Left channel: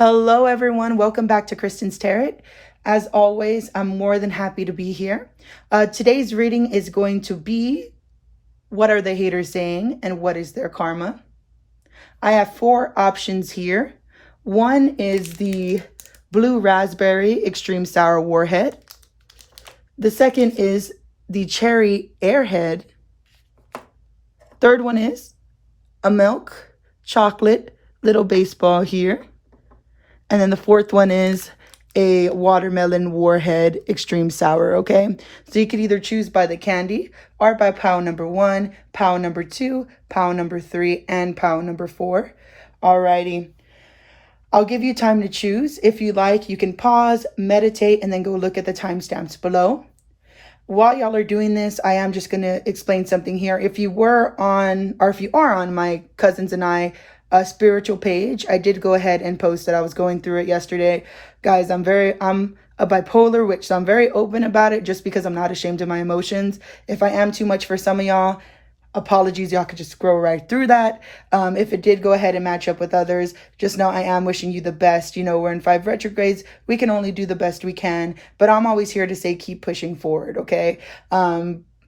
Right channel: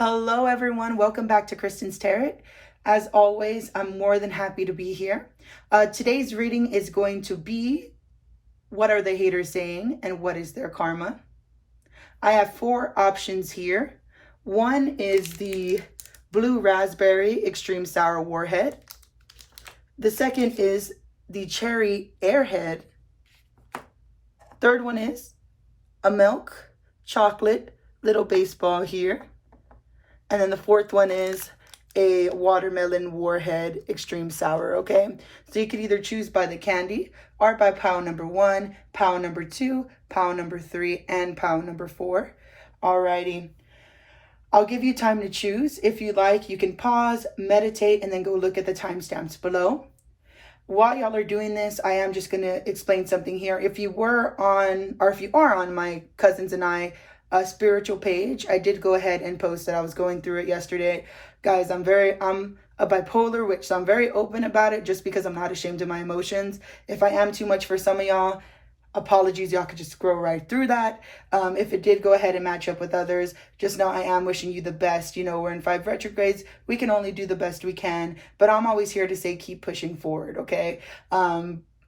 Hello everyone, welcome back to Kristen's Tarot. As always, I'm more than happy to be here. Today's reading is going to be, what are the haters saying and what is their karma? I have four options here. One is the blue raspberry extreme sour Warhead. The second is the cherry Airhead. Third one is a milk chocolate little baseball here. And then the fourth one is a watermelon Warhead extreme sour, okay? So you could either choose by the candy or by pile number 1, pile number 2, pile number 3, and pile number 4. Alrighty. I'll give you time to choose. If you like, you can pause, meditate, and then go look at the timestamps below. While y'all are doing this, I am just going to explain something here. If you were on, or if you are on my cousins and I spiritual page, I did go ahead and post that. I was going through it yesterday. Guys, I'm a bipolar witch, so I'm very open about it just because I'm not ashamed of my emotions. If I am too much for some of y'all, apologies, y'all could just scroll right through that. If it did go ahead and match up with others, just know I am wishing you the best. You know, we're in 5 retrogrades. We can only do the best we can, but I'm always here to say keep pushing forward, okay?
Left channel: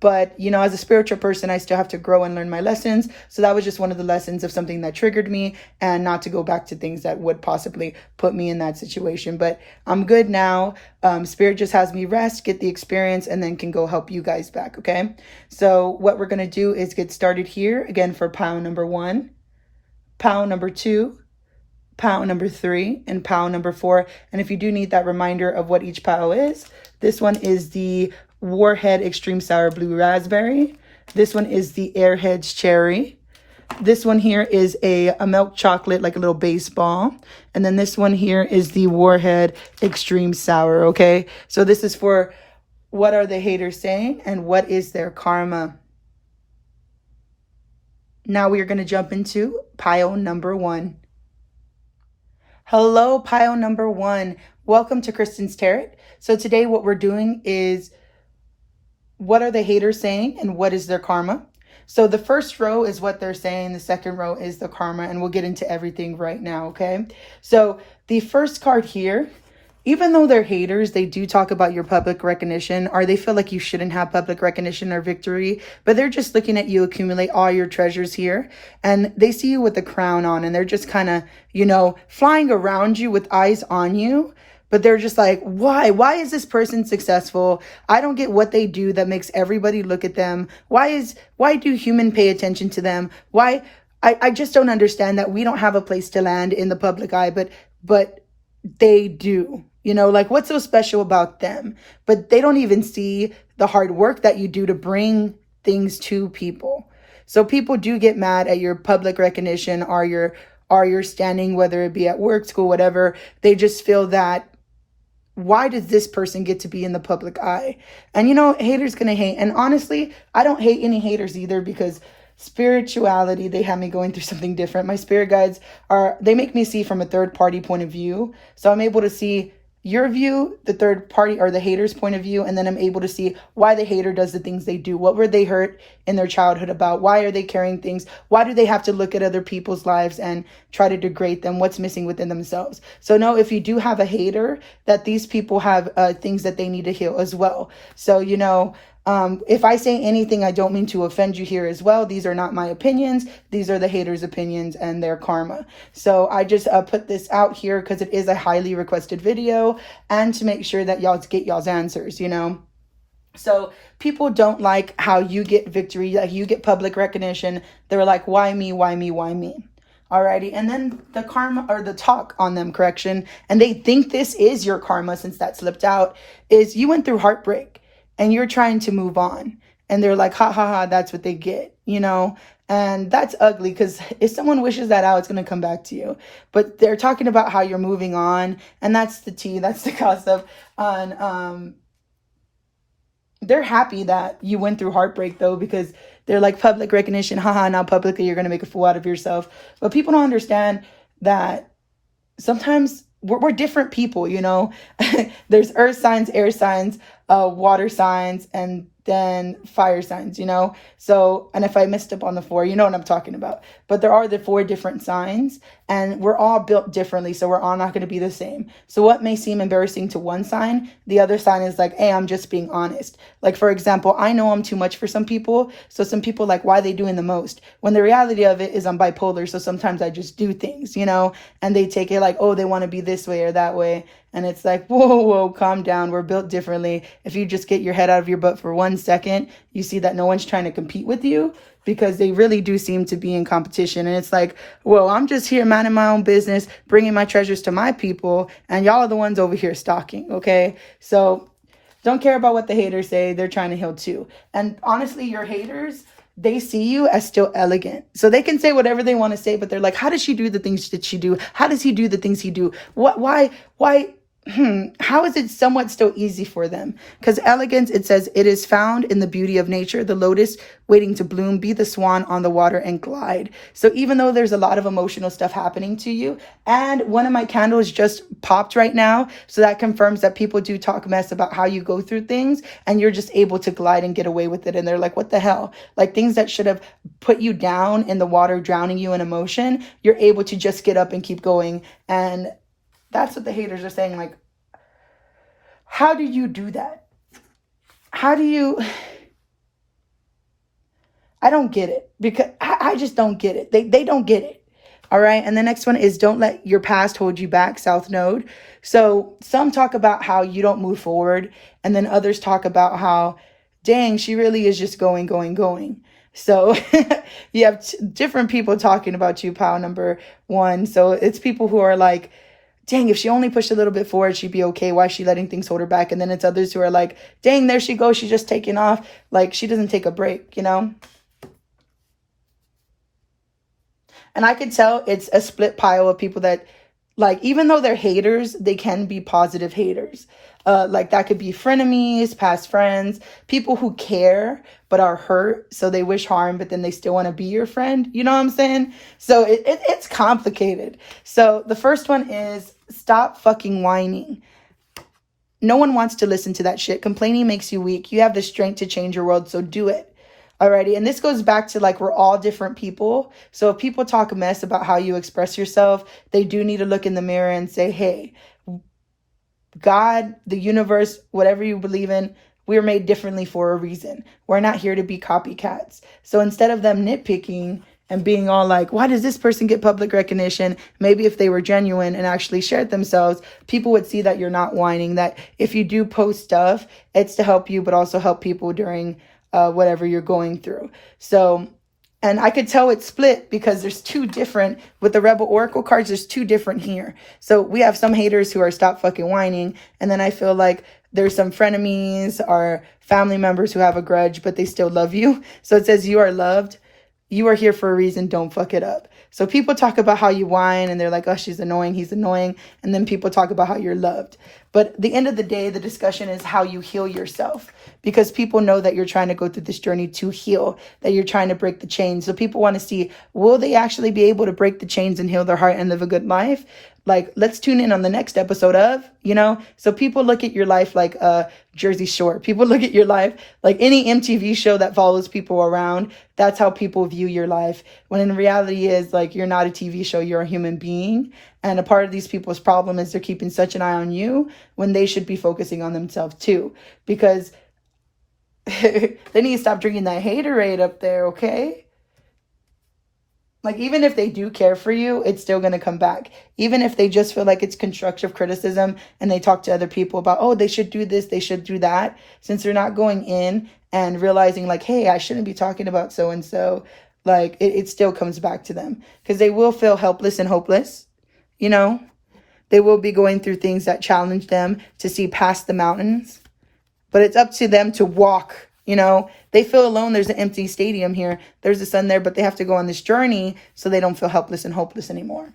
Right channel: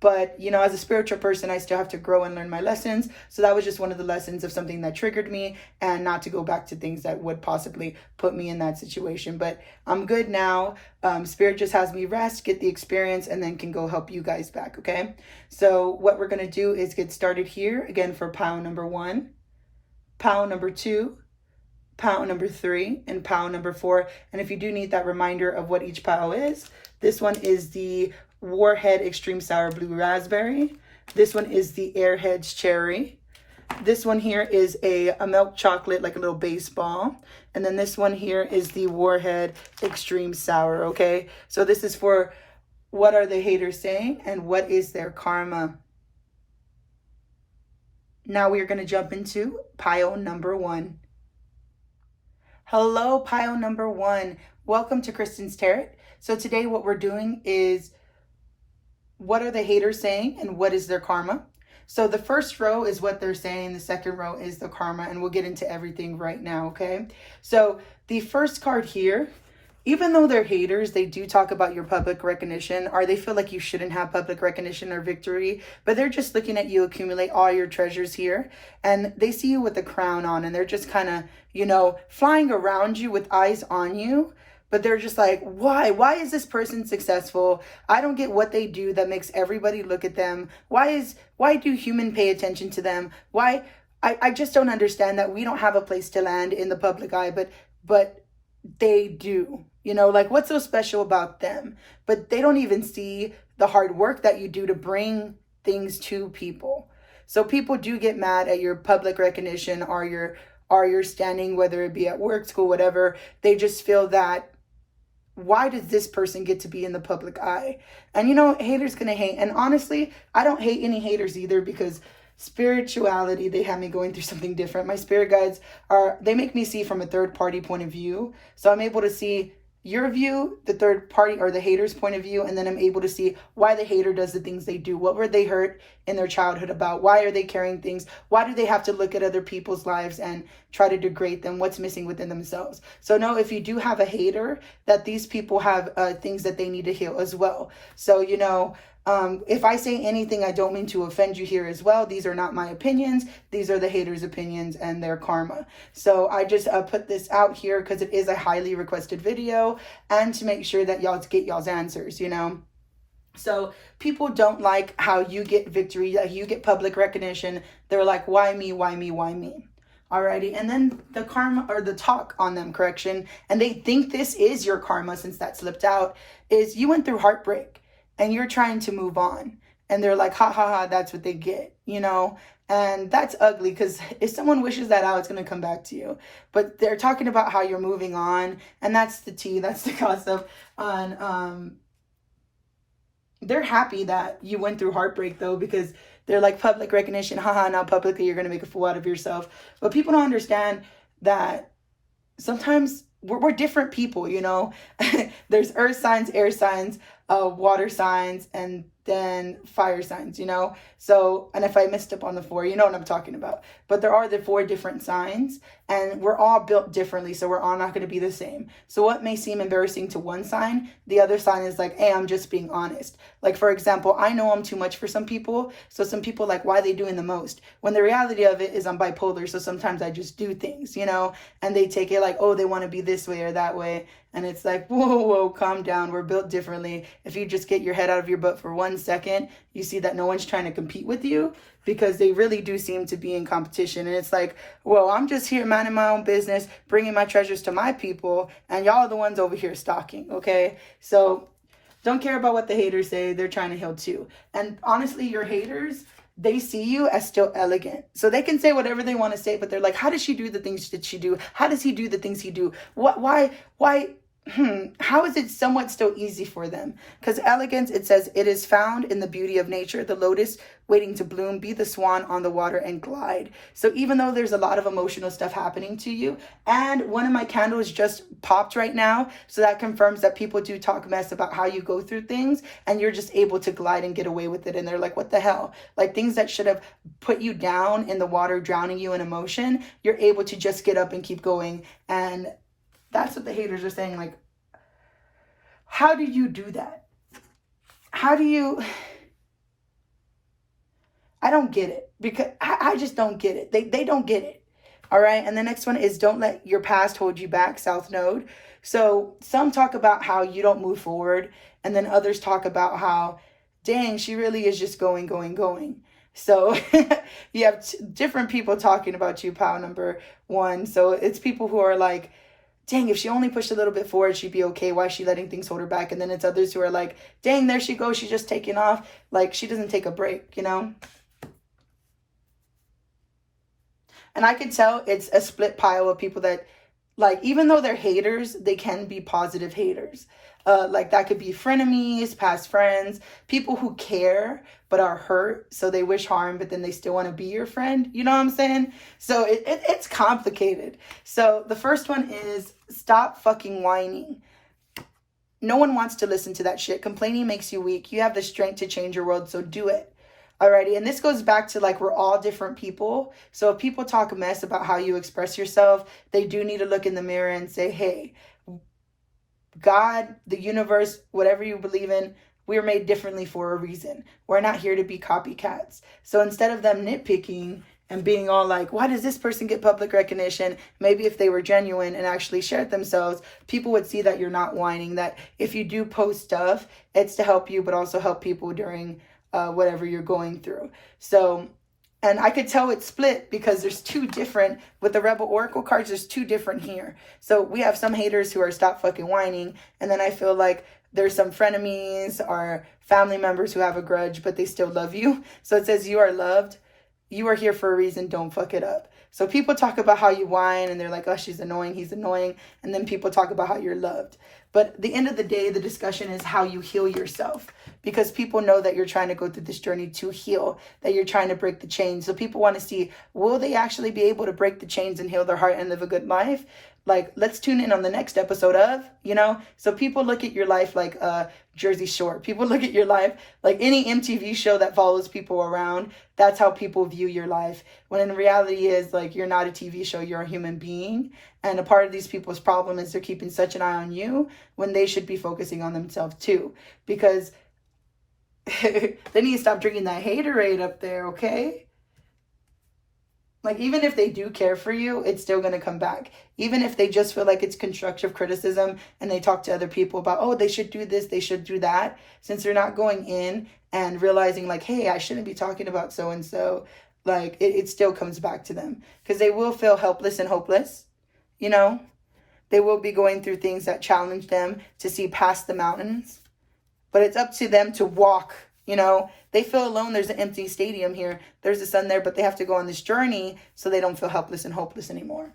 But, you know, as a spiritual person, I still have to grow and learn my lessons. So that was just one of the lessons of something that triggered me, and not to go back to things that would possibly put me in that situation. But I'm good now. Spirit just has me rest, get the experience, and then can go help you guys back, okay? So what we're going to do is get started here again for pile number 1, pile number 2, pile number 3, and pile number 4. And if you do need that reminder of what each pile is, this one is the Warhead extreme sour blue raspberry. This one is the Airhead's cherry. This one here is a milk chocolate, like a little baseball. And then this one here is the Warhead extreme sour, okay? So this is for what are the haters saying and what is their karma. Now we are going to jump into pile number 1. Hello, pile number 1. Welcome to Kristen's Tarot. So today what we're doing is, what are the haters saying and what is their karma? So the first row is what they're saying. The second row is the karma, and we'll get into everything right now, okay? So the first card here, even though they're haters, they do talk about your public recognition, or they feel like you shouldn't have public recognition or victory, but they're just looking at you accumulate all your treasures here, and they see you with the crown on, and they're just kind of, you know, flying around you with eyes on you. But they're just like, why? Why is this person successful? I don't get what they do that makes everybody look at them. Why do humans pay attention to them? Why? I just don't understand that we don't have a place to land in the public eye, but they do. You know, like, what's so special about them? But they don't even see the hard work that you do to bring things to people. So people do get mad at your public recognition or your standing, whether it be at work, school, whatever. They just feel that, why does this person get to be in the public eye? And, you know, haters gonna hate. And honestly, I don't hate any haters either, because spirituality, they have me going through something different. My spirit guides they make me see from a third party point of view. So I'm able to see your view, the third party or the hater's point of view, and then I'm able to see why the hater does the things they do. What were they hurt in their childhood about? Why are they carrying things? Why do they have to look at other people's lives and try to degrade them? What's missing within themselves? So know, if you do have a hater, that these people have things that they need to heal as well. So, you know, if I say anything, I don't mean to offend you here as well. These are not my opinions. These are the haters' opinions and their karma. So I just put this out here because it is a highly requested video, and to make sure that y'all get y'all's answers, you know. So people don't like how you get victory, like you get public recognition. They're like, why me, why me, why me? Alrighty, and then the karma, or the talk on them, correction, and they think this is your karma, since that slipped out, is you went through heartbreak and you're trying to move on, and they're like, ha ha ha, that's what they get, you know. And that's ugly, because if someone wishes that out, it's going to come back to you. But they're talking about how you're moving on, and that's the tea, that's the gossip. And they're happy that you went through heartbreak, though, because they're like, public recognition, haha, now publicly you're going to make a fool out of yourself. But people don't understand that sometimes we're different people, you know. There's earth signs, air signs, water signs, and than fire signs, you know? So, and if I messed up on the 4, you know what I'm talking about. But there are the 4 different signs, and we're all built differently, so we're all not going to be the same. So what may seem embarrassing to one sign, the other sign is like, hey, I'm just being honest. Like, for example, I know I'm too much for some people, so some people like, why are they doing the most? When the reality of it is I'm bipolar, so sometimes I just do things, you know? And they take it like, oh, they want to be this way or that way. And it's like, whoa, calm down. We're built differently. If you just get your head out of your butt for 1 second, you see that no one's trying to compete with you, because they really do seem to be in competition. And it's like, well, I'm just here minding my own business, bringing my treasures to my people, and y'all are the ones over here stalking, okay? So don't care about what the haters say. They're trying to heal too. And honestly, your haters, they see you as still elegant. So they can say whatever they want to say, but they're like, how does she do the things that she do? How does he do the things he do? Why, how is it somewhat still easy for them? Because elegance, it says, it is found in the beauty of nature, the lotus waiting to bloom, be the swan on the water and glide. So even though there's a lot of emotional stuff happening to you, and one of my candles just popped right now, so that confirms that people do talk mess about how you go through things, and you're just able to glide and get away with it. And they're like, what the hell? Like, things that should have put you down in the water, drowning you in emotion, you're able to just get up and keep going. And that's what the haters are saying. Like, how do you do that? How do you... I don't get it, because I just don't get it. They don't get it. All right. And the next one is, don't let your past hold you back, South Node. So some talk about how you don't move forward. And then others talk about how, dang, she really is just going. So you have different people talking about you, pile number 1. So it's people who are like, dang, if she only pushed a little bit forward, she'd be okay. Why is she letting things hold her back? And then it's others who are like, dang, there she goes. She's just taking off. Like, she doesn't take a break, you know? And I could tell it's a split pile of people that, like, even though they're haters, they can be positive haters. Like, that could be frenemies, past friends, people who care but are hurt, so they wish harm, but then they still want to be your friend. You know what I'm saying? So it's complicated. So the first one is, stop fucking whining. No one wants to listen to that shit. Complaining makes you weak. You have the strength to change your world, so do it. Alrighty, and this goes back to, like, we're all different people. So if people talk a mess about how you express yourself, they do need to look in the mirror and say, hey, God, the universe, whatever you believe in, we're made differently for a reason. We're not here to be copycats. So instead of them nitpicking and being all like, why does this person get public recognition? Maybe if they were genuine and actually shared themselves, people would see that you're not whining, that if you do post stuff, it's to help you, but also help people during whatever you're going through. So, and I could tell it's split because there's 2 different, with the Rebel Oracle cards, there's 2 different here. So we have some haters who are stop fucking whining. And then I feel like there's some frenemies or family members who have a grudge, but they still love you. So it says, you are loved. You are here for a reason. Don't fuck it up. So people talk about how you whine and they're like, oh, she's annoying, he's annoying. And then people talk about how you're loved. But at the end of the day, the discussion is how you heal yourself, because people know that you're trying to go through this journey to heal, that you're trying to break the chains. So people want to see, will they actually be able to break the chains and heal their heart and live a good life? Like, let's tune in on the next episode of, you know? So people look at your life like Jersey Shore. People look at your life like any MTV show that follows people around. That's how people view your life. When in reality is, like, you're not a TV show, you're a human being. And a part of these people's problem is they're keeping such an eye on you when they should be focusing on themselves too. Because they need to stop drinking that haterade up there, okay? Like, even if they do care for you, it's still going to come back. Even if they just feel like it's constructive criticism and they talk to other people about, oh, they should do this, they should do that. Since they're not going in and realizing, like, hey, I shouldn't be talking about so-and-so, like, it still comes back to them. Because they will feel helpless and hopeless, you know? They will be going through things that challenge them to see past the mountains. But it's up to them to walk. You know, they feel alone. There's an empty stadium here. There's a sun there, but they have to go on this journey so they don't feel helpless and hopeless anymore.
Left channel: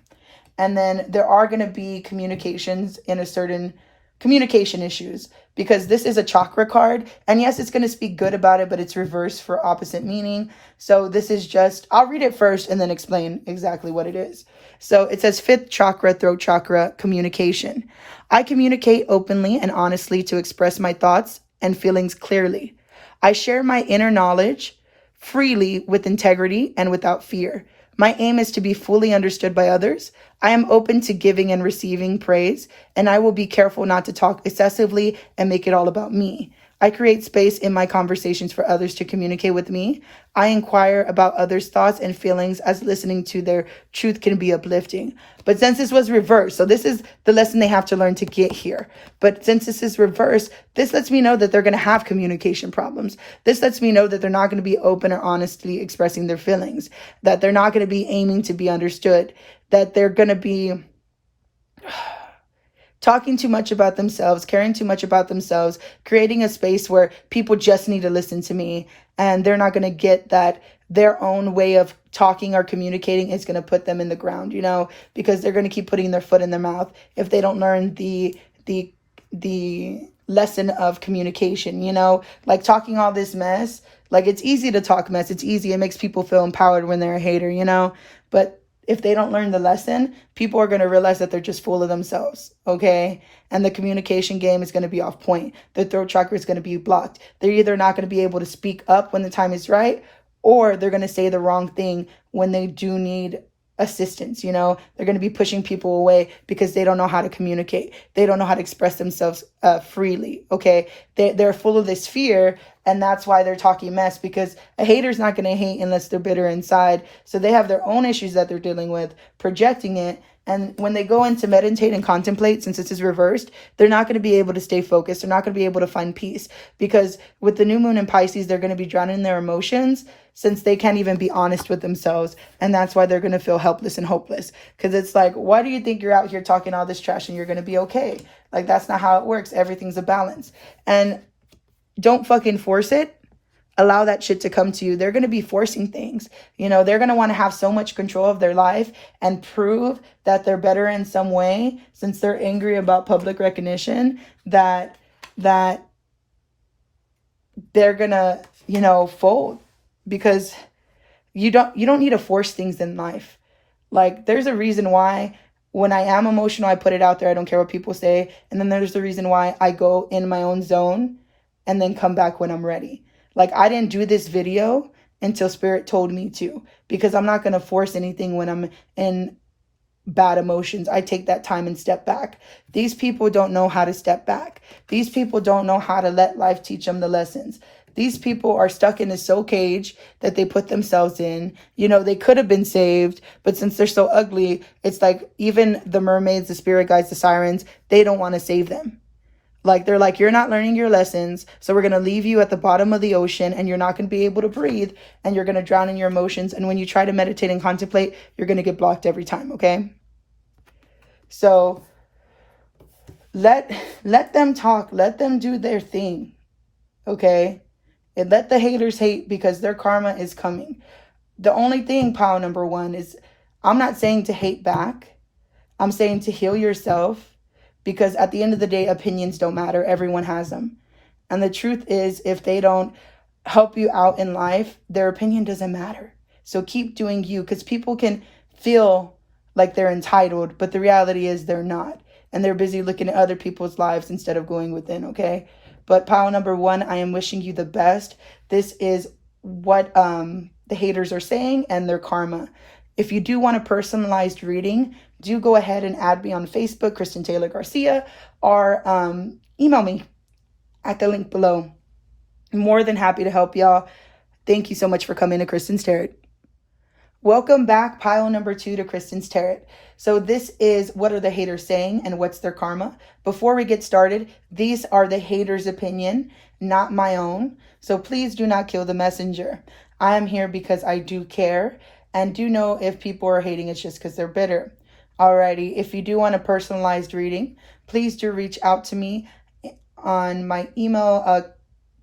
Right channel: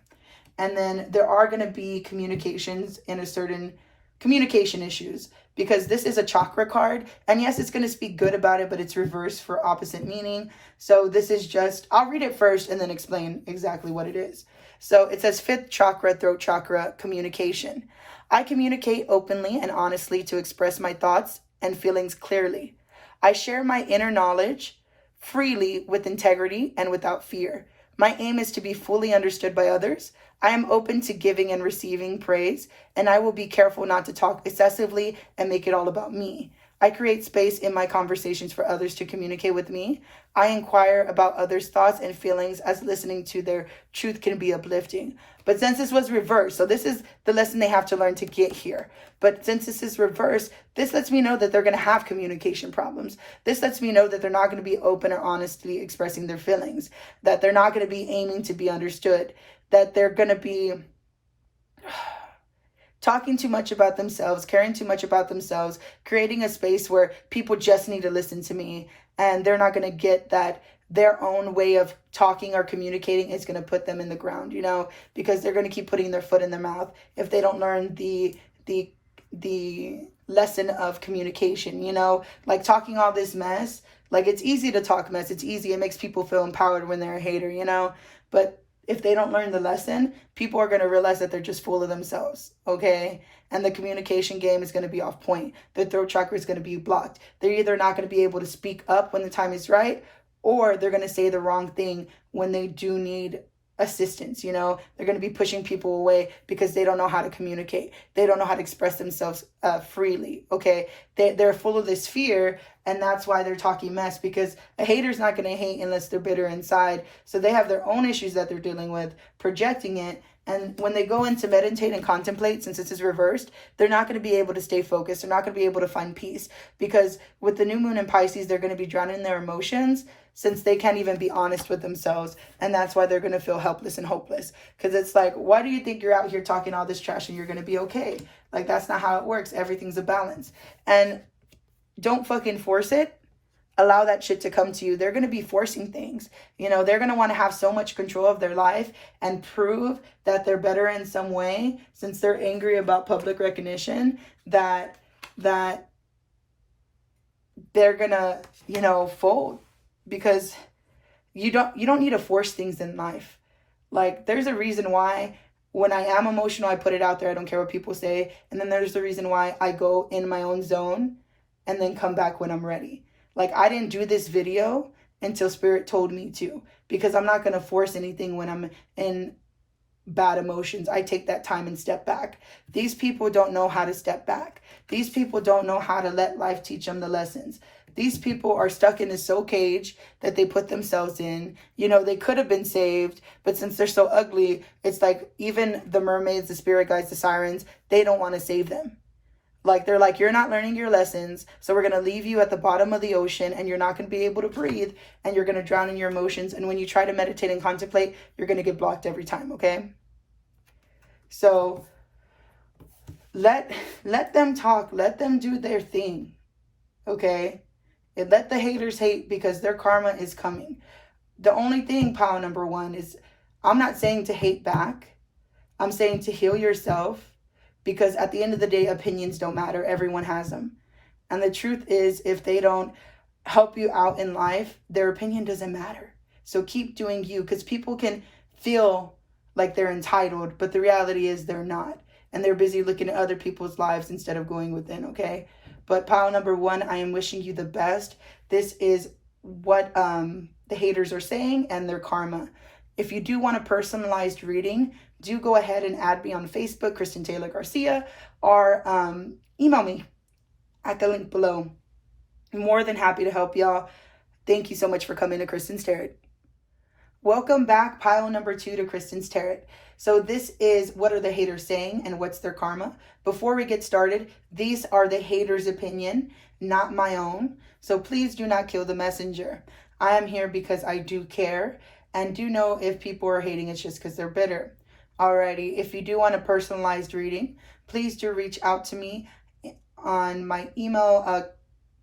And then there are going to be communications in a certain communication issues, because this is a chakra card. And yes, it's going to speak good about it, but it's reversed for opposite meaning. So this is just, I'll read it first and then explain exactly what it is. So it says 5th chakra, throat chakra, communication. I communicate openly and honestly to express my thoughts and feelings clearly. I share my inner knowledge freely with integrity and without fear. My aim is to be fully understood by others. I am open to giving and receiving praise, and I will be careful not to talk excessively and make it all about me. I create space in my conversations for others to communicate with me. I inquire about others' thoughts and feelings, as listening to their truth can be uplifting. But since this was reversed, so this is the lesson they have to learn to get here. But since this is reversed, this lets me know that they're going to have communication problems. This lets me know that they're not going to be open or honestly expressing their feelings, that they're not going to be aiming to be understood, that they're going to be talking too much about themselves, caring too much about themselves, creating a space where people just need to listen to me, and they're not going to get that their own way of talking or communicating is going to put them in the ground, because they're going to keep putting their foot in their mouth if they don't learn the lesson of communication, like talking all this mess. Like, it's easy to talk mess. It's easy. It makes people feel empowered when they're a hater, but if they don't learn the lesson, people are going to realize that they're just full of themselves, okay? And the communication game is going to be off point. Their throat chakra is going to be blocked. They're either not going to be able to speak up when the time is right, or they're going to say the wrong thing when they do need assistance, They're going to be pushing people away because they don't know how to communicate. They don't know how to express themselves freely, okay? They're full of this fear, and that's why they're talking mess, because a hater's not going to hate unless they're bitter inside. So they have their own issues that they're dealing with, projecting it. And when they go in to meditate and contemplate, since this is reversed, they're not going to be able to stay focused. They're not going to be able to find peace, because with the new moon in Pisces, they're going to be drowning in their emotions, since they can't even be honest with themselves. And that's why they're going to feel helpless and hopeless. Because it's like, why do you think you're out here talking all this trash and you're going to be okay? Like, that's not how it works. Everything's a balance. And don't fucking force it. Allow that shit to come to you. They're going to be forcing things. They're going to want to have so much control of their life and prove that they're better in some way, since they're angry about public recognition, that they're going to, fold. Because you don't need to force things in life. Like, there's a reason why when I am emotional, I put it out there. I don't care what people say. And then there's the reason why I go in my own zone and then come back when I'm ready. Like, I didn't do this video until Spirit told me to, because I'm not going to force anything when I'm in bad emotions. I take that time and step back. These people don't know how to step back. These people don't know how to let life teach them the lessons. These people are stuck in a soul cage that they put themselves in. They could have been saved, but since they're so ugly, it's like even the mermaids, the spirit guides, the sirens, they don't want to save them. Like, they're like, you're not learning your lessons, so we're going to leave you at the bottom of the ocean, and you're not going to be able to breathe, and you're going to drown in your emotions. And when you try to meditate and contemplate, you're going to get blocked every time, okay? So let them talk. Let them do their thing, okay? And let the haters hate, because their karma is coming. The only thing, pile number one, is I'm not saying to hate back. I'm saying to heal yourself, because at the end of the day, opinions don't matter. Everyone has them. And the truth is, if they don't help you out in life, their opinion doesn't matter. So keep doing you, because people can feel like they're entitled, but the reality is they're not. And they're busy looking at other people's lives instead of going within, okay? But pile number one, I am wishing you the best. This is what the haters are saying and their karma. If you do want a personalized reading, do go ahead and add me on Facebook, Kristen Taylor Garcia, or email me at the link below. I'm more than happy to help y'all. Thank you so much for coming to Kristen's Tarot. Welcome back, pile number 2 to Kristen's Tarot. So this is what are the haters saying and what's their karma. Before we get started, these are the haters' opinion, not my own. So please do not kill the messenger. I am here because I do care and do know if people are hating, it's just because they're bitter. Alrighty, if you do want a personalized reading, please do reach out to me on my email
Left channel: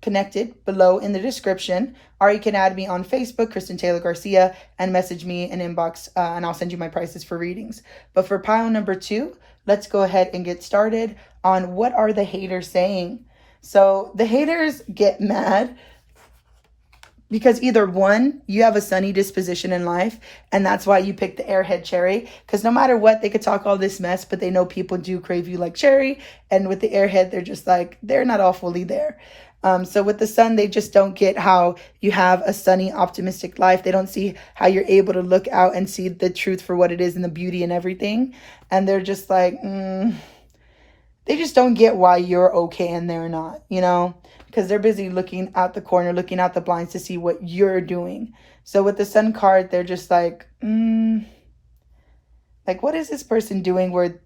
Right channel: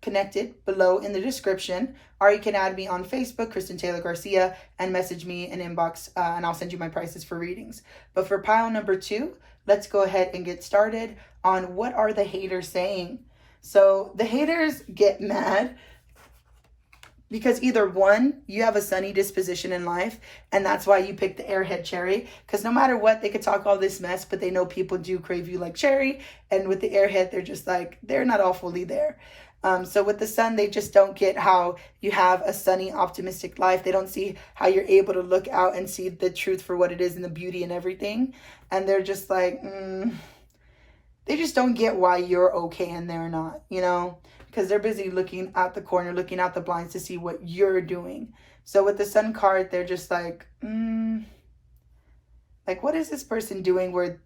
connected below in the description, or you can add me on Facebook, Kristen Taylor Garcia, and message me an inbox, and I'll send you my prices for readings. But for pile number 2, let's go ahead and get started on what are the haters saying. So the haters get mad because either one, you have a sunny disposition in life, and that's why you pick the Airhead cherry, because no matter what, they could talk all this mess, but they know people do crave you like cherry, and with the Airhead, they're just like, they're not all fully there. So with the sun, they just don't get how you have a sunny, optimistic life. They don't see how you're able to look out and see the truth for what it is and the beauty and everything. And they're just like, they just don't get why you're okay and they're not, you know, because they're busy looking out the corner, looking out the blinds to see what you're doing. So with the sun card, they're just like, what is this person doing where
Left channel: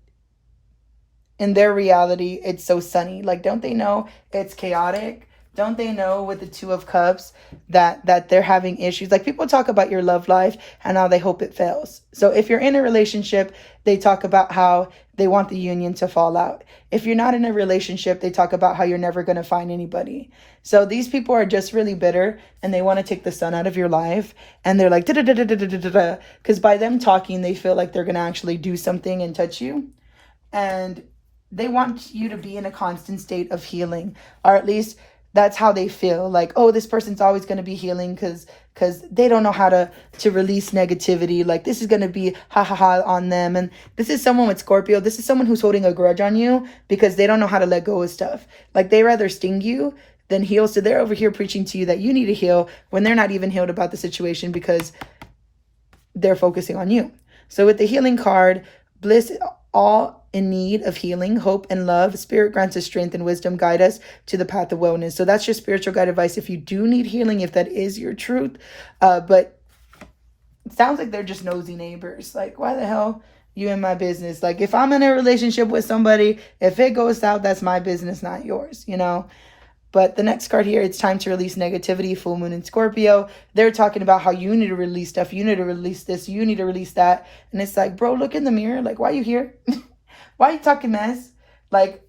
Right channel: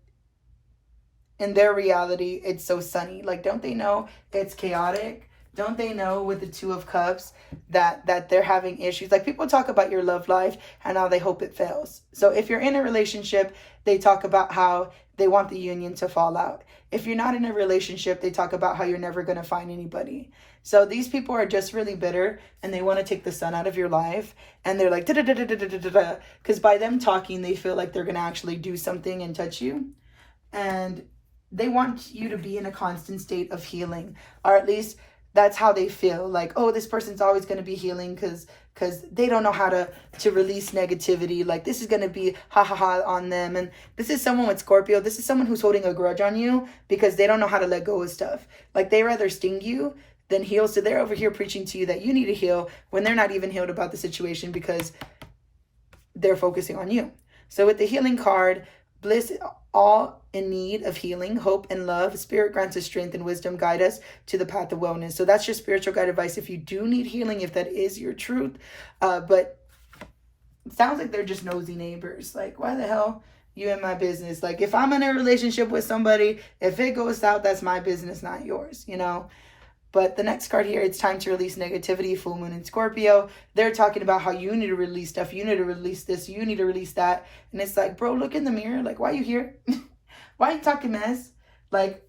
in their reality, it's so sunny? Like, don't they know it's chaotic? Don't they know with the Two of Cups that they're having issues? Like, people talk about your love life and how they hope it fails. So if you're in a relationship, they talk about how they want the union to fall out. If you're not in a relationship, they talk about how you're never going to find anybody. So these people are just really bitter and they want to take the sun out of your life. And they're like, because by them talking, they feel like they're going to actually do something and touch you. And they want you to be in a constant state of healing, or at least that's how they feel. Like, oh, this person's always going to be healing because they don't know how to release negativity. Like, this is going to be ha ha ha on them. And this is someone with Scorpio. This is someone who's holding a grudge on you because they don't know how to let go of stuff. Like, they rather sting you than heal. So they're over here preaching to you that you need to heal when they're not even healed about the situation because they're focusing on you. So with the healing card, bliss, all in need of healing, hope, and love. Spirit grants us strength and wisdom, guide us to the path of wellness. So that's your spiritual guide advice if you do need healing, if that is your truth. But it sounds like they're just nosy neighbors. Like, why the hell you in my business? Like, if I'm in a relationship with somebody, if it goes south, that's my business, not yours, you know? But the next card here, it's time to release negativity, full moon in Scorpio. They're talking about how you need to release stuff. You need to release this. You need to release that. And it's like, bro, look in the mirror. Like, why are you here? Why are you talking mess? Like,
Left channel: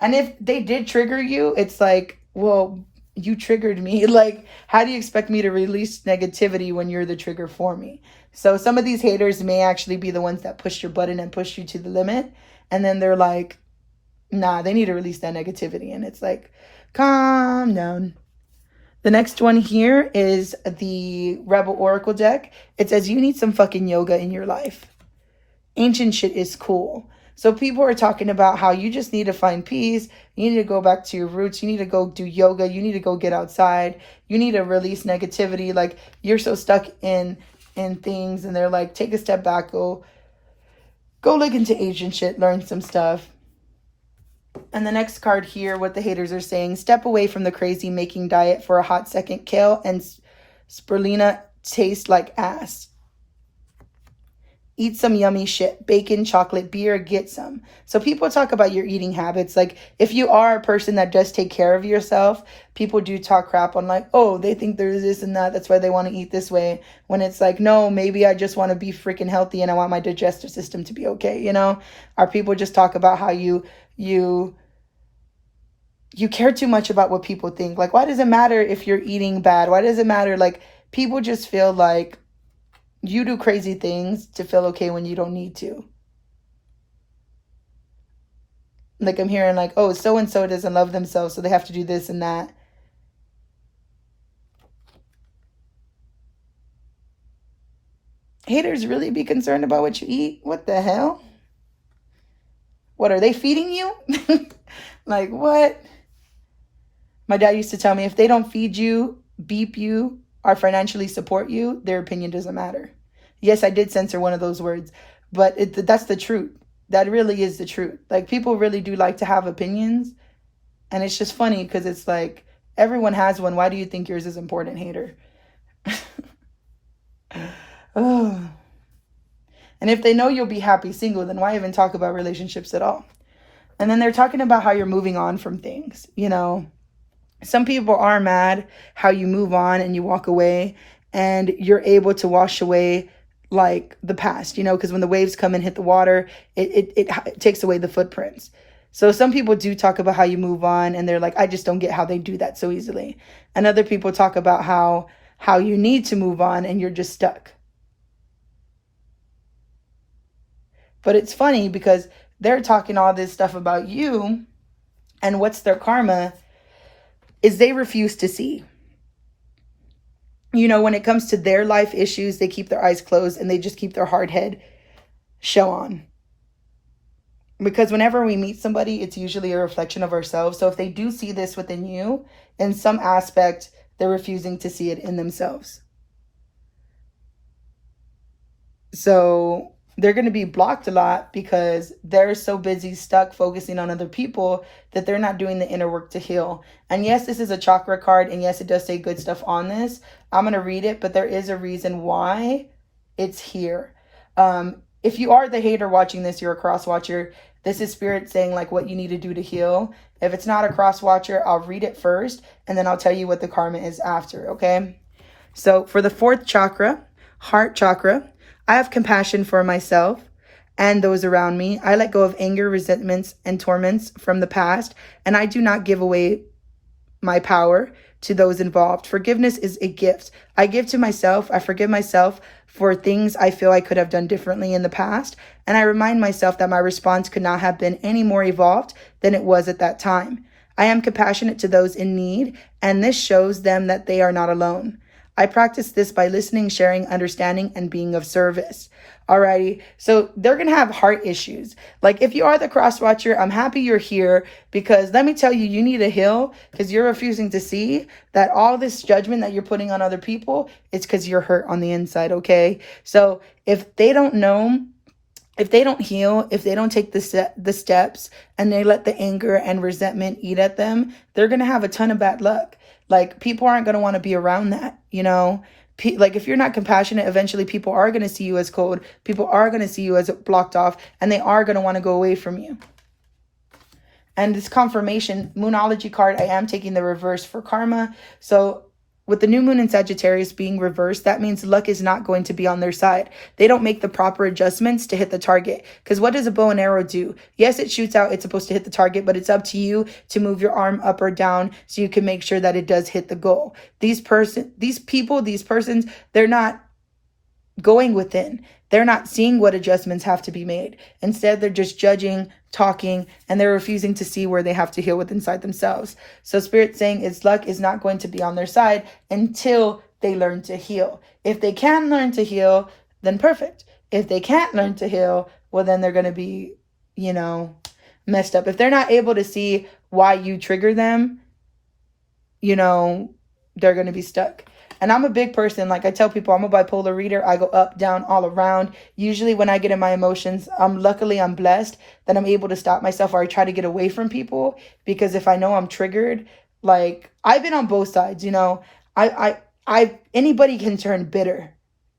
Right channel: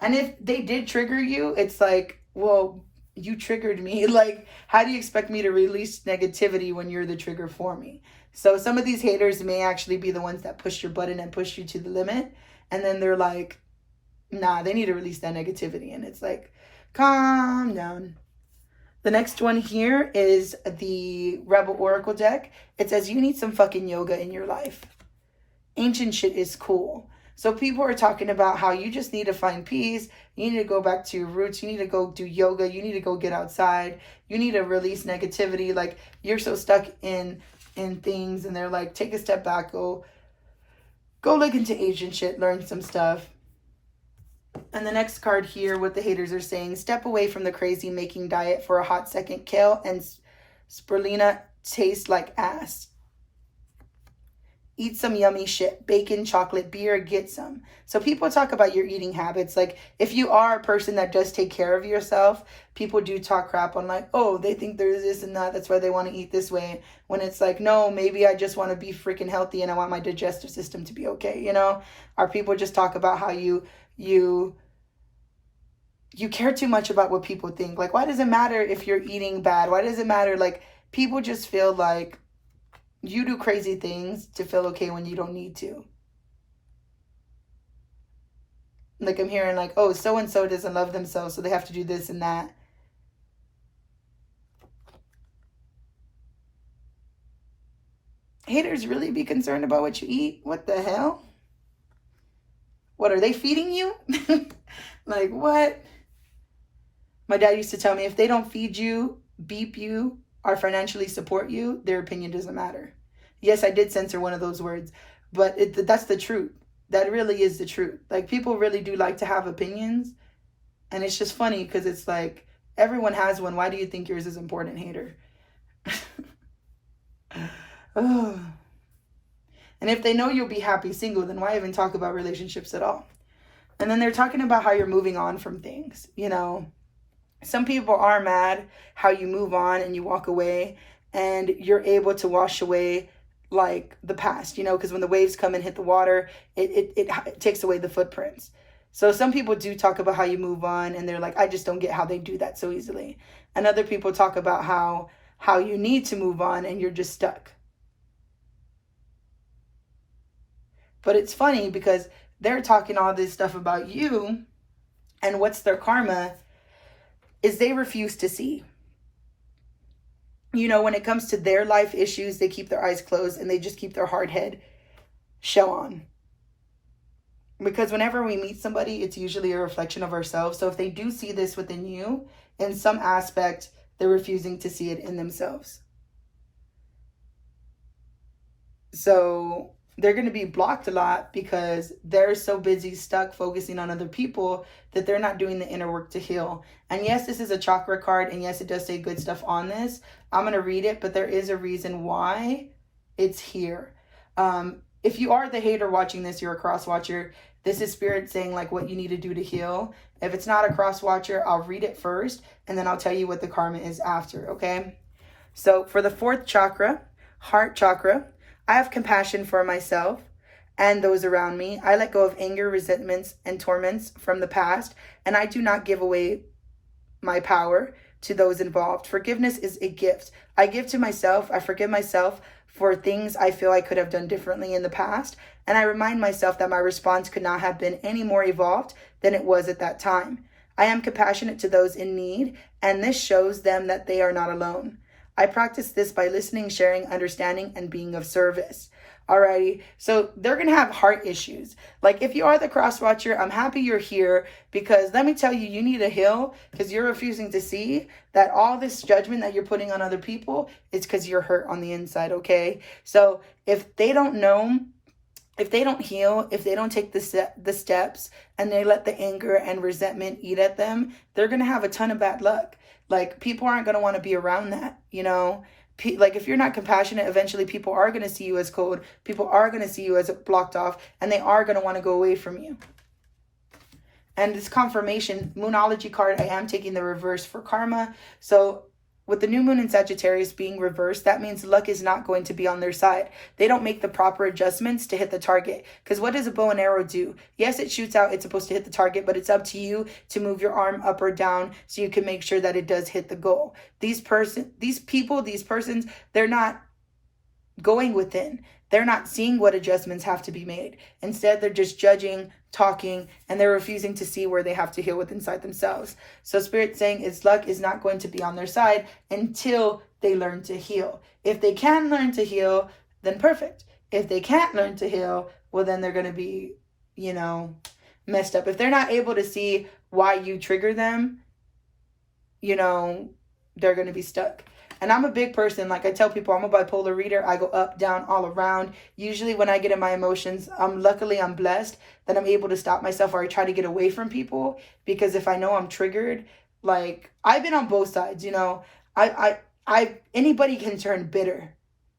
and if they did trigger you, it's like, well, you triggered me. Like, how do you expect me to release negativity when you're the trigger for me? So some of these haters may actually be the ones that push your button and push you to the limit. And then they're like, nah, they need to release that negativity. And it's like, calm down. The next one here is the Rebel Oracle deck. It says you need some fucking yoga in your life. Ancient shit is cool. So people are talking about how you just need to find peace. You need to go back to your roots. You need to go do yoga. You need to go get outside. You need to release negativity. Like, you're so stuck in things. And they're like, take a step back. Go look into ancient shit. Learn some stuff. And the next card here, what the haters are saying, step away from the crazy making diet for a hot second. Kale and spirulina taste like ass. Eat some yummy shit, bacon, chocolate, beer, get some. So people talk about your eating habits. Like, if you are a person that does take care of yourself, people do talk crap on like, oh, they think there's this and that. That's why they want to eat this way. When it's like, no, maybe I just want to be freaking healthy and I want my digestive system to be okay, you know? Or people just talk about how you care too much about what people think. Like, why does it matter if you're eating bad? Why does it matter? Like, people just feel like you do crazy things to feel okay when you don't need to. Like, I'm hearing like, oh, so-and-so doesn't love themselves, so they have to do this and that. Haters really be concerned about what you eat? What the hell? What, are they feeding you? Like, what? My dad used to tell me, if they don't feed you, beep you, or financially support you, their opinion doesn't matter. Yes, I did censor one of those words, but that's the truth. That really is the truth. Like, people really do like to have opinions. And it's just funny because it's like, everyone has one. Why do you think yours is important, hater? Oh. And if they know you'll be happy single, then why even talk about relationships at all? And then they're talking about how you're moving on from things, you know. Some people are mad how you move on and you walk away and you're able to wash away like the past, you know, because when the waves come and hit the water, it takes away the footprints. So some people do talk about how you move on and they're like, I just don't get how they do that so easily. And other people talk about how you need to move on and you're just stuck. But it's funny because they're talking all this stuff about you, and what's their karma is they refuse to see. You know, when it comes to their life issues, they keep their eyes closed and they just keep their hard head show on. Because whenever we meet somebody, it's usually a reflection of ourselves. So if they do see this within you, in some aspect, they're refusing to see it in themselves. So they're going to be blocked a lot because they're so busy stuck focusing on other people that they're not doing the inner work to heal. And yes, this is a chakra card, and yes, it does say good stuff on this. I'm going to read it, but there is a reason why it's here. If you are the hater watching this, you're a cross watcher. This is spirit saying like what you need to do to heal. If it's not a cross watcher, I'll read it first, and then I'll tell you what the karma is after, okay? So for the 4th chakra, heart chakra, I have compassion for myself and those around me. I let go of anger, resentments, and torments from the past, and I do not give away my power to those involved. Forgiveness is a gift. I give to myself. I forgive myself for things I feel I could have done differently in the past, and I remind myself that my response could not have been any more evolved than it was at that time. I am compassionate to those in need, and this shows them that they are not alone. I practice this by listening, sharing, understanding, and being of service. Alrighty, so they're going to have heart issues. Like if you are the cross watcher, I'm happy you're here, because let me tell you, you need to heal because you're refusing to see that all this judgment that you're putting on other people is because you're hurt on the inside, okay? So if they don't know, if they don't heal, if they don't take the steps and they let the anger and resentment eat at them, they're going to have a ton of bad luck. Like people aren't going to want to be around that, you know? Like if you're not compassionate, eventually people are going to see you as cold. People are going to see you as blocked off, and they are going to want to go away from you. And this confirmation Moonology card, I am taking the reverse for karma. So with the new moon in Sagittarius being reversed, that means luck is not going to be on their side. They don't make the proper adjustments to hit the target. Because what does a bow and arrow do? Yes, it shoots out. It's supposed to hit the target, but it's up to you to move your arm up or down so you can make sure that it does hit the goal. These persons, they're not going within. They're not seeing what adjustments have to be made. Instead, they're just judging, talking, and they're refusing to see where they have to heal with inside themselves. So Spirit's saying its luck is not going to be on their side until they learn to heal. If they can learn to heal, then perfect. If they can't learn to heal, well, then they're going to be, messed up. If they're not able to see why you trigger them, they're going to be stuck. And I'm a big person. Like I tell people, I'm a bipolar reader. I go up, down, all around. Usually when I get in my emotions, luckily I'm blessed that I'm able to stop myself, or I try to get away from people, because if I know I'm triggered, like I've been on both sides, anybody can turn bitter.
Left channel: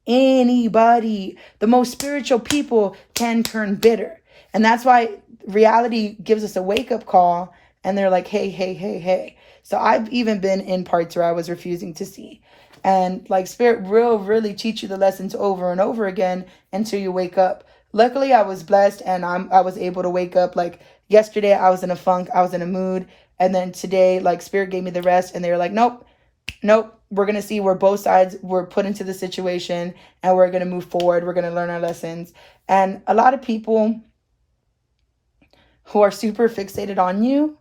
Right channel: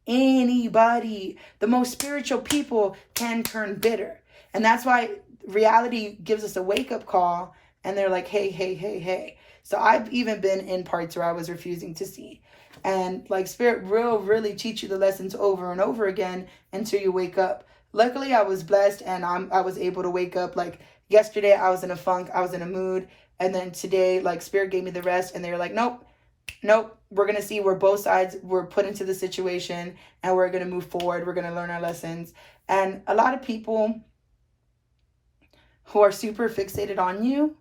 Anybody. The most spiritual people can turn bitter. And that's why reality gives us a wake-up call, and they're like, hey, hey, hey, hey. So I've even been in parts where I was refusing to see. And like Spirit will really teach you the lessons over and over again until you wake up. Luckily, I was blessed, and I was able to wake up. Like yesterday, I was in a funk, I was in a mood. And then today, like Spirit gave me the rest, and they were like, nope, we're going to see where both sides were put into the situation, and we're going to move forward. We're going to learn our lessons. And a lot of people who are super fixated on you,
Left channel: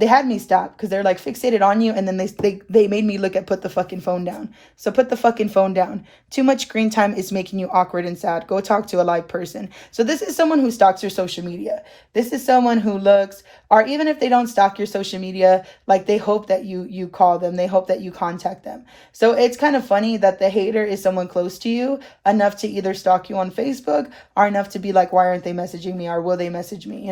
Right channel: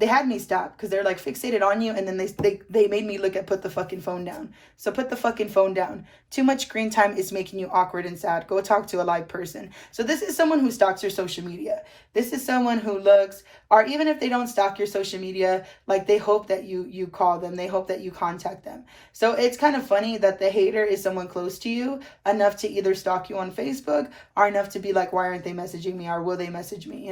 they had me stop because they're like fixated on you, and then they made me look at put the fucking phone down. So put the fucking phone down. Too much screen time is making you awkward and sad. Go talk to a live person. So this is someone who stalks your social media. This is someone who looks, or even if they don't stalk your social media, like they hope that you call them. They hope that you contact them. So it's kind of funny that the hater is someone close to you enough to either stalk you on Facebook or enough to be like, why aren't they messaging me, or will they message me,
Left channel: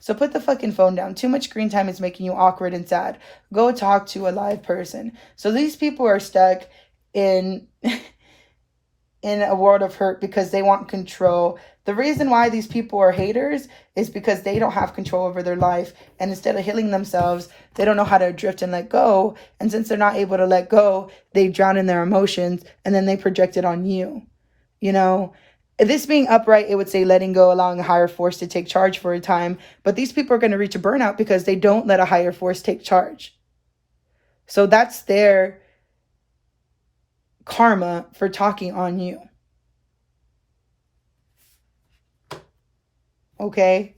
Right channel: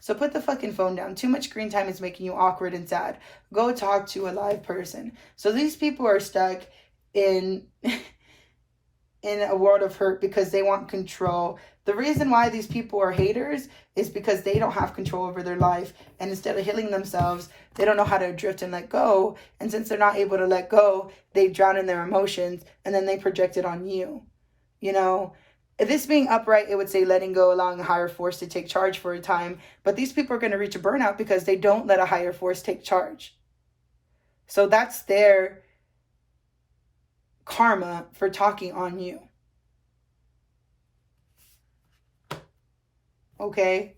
So put the fucking phone down. Too much screen time is making you awkward and sad. Go talk to a live person. So these people are stuck in a world of hurt because they want control. The reason why these people are haters is because they don't have control over their life, and instead of healing themselves, they don't know how to drift and let go. And since they're not able to let go, they drown in their emotions, and then they project it on you. This being upright, it would say letting go, allowing a higher force to take charge for a time. But these people are going to reach a burnout because they don't let a higher force take charge. So that's their karma for talking on you. Okay?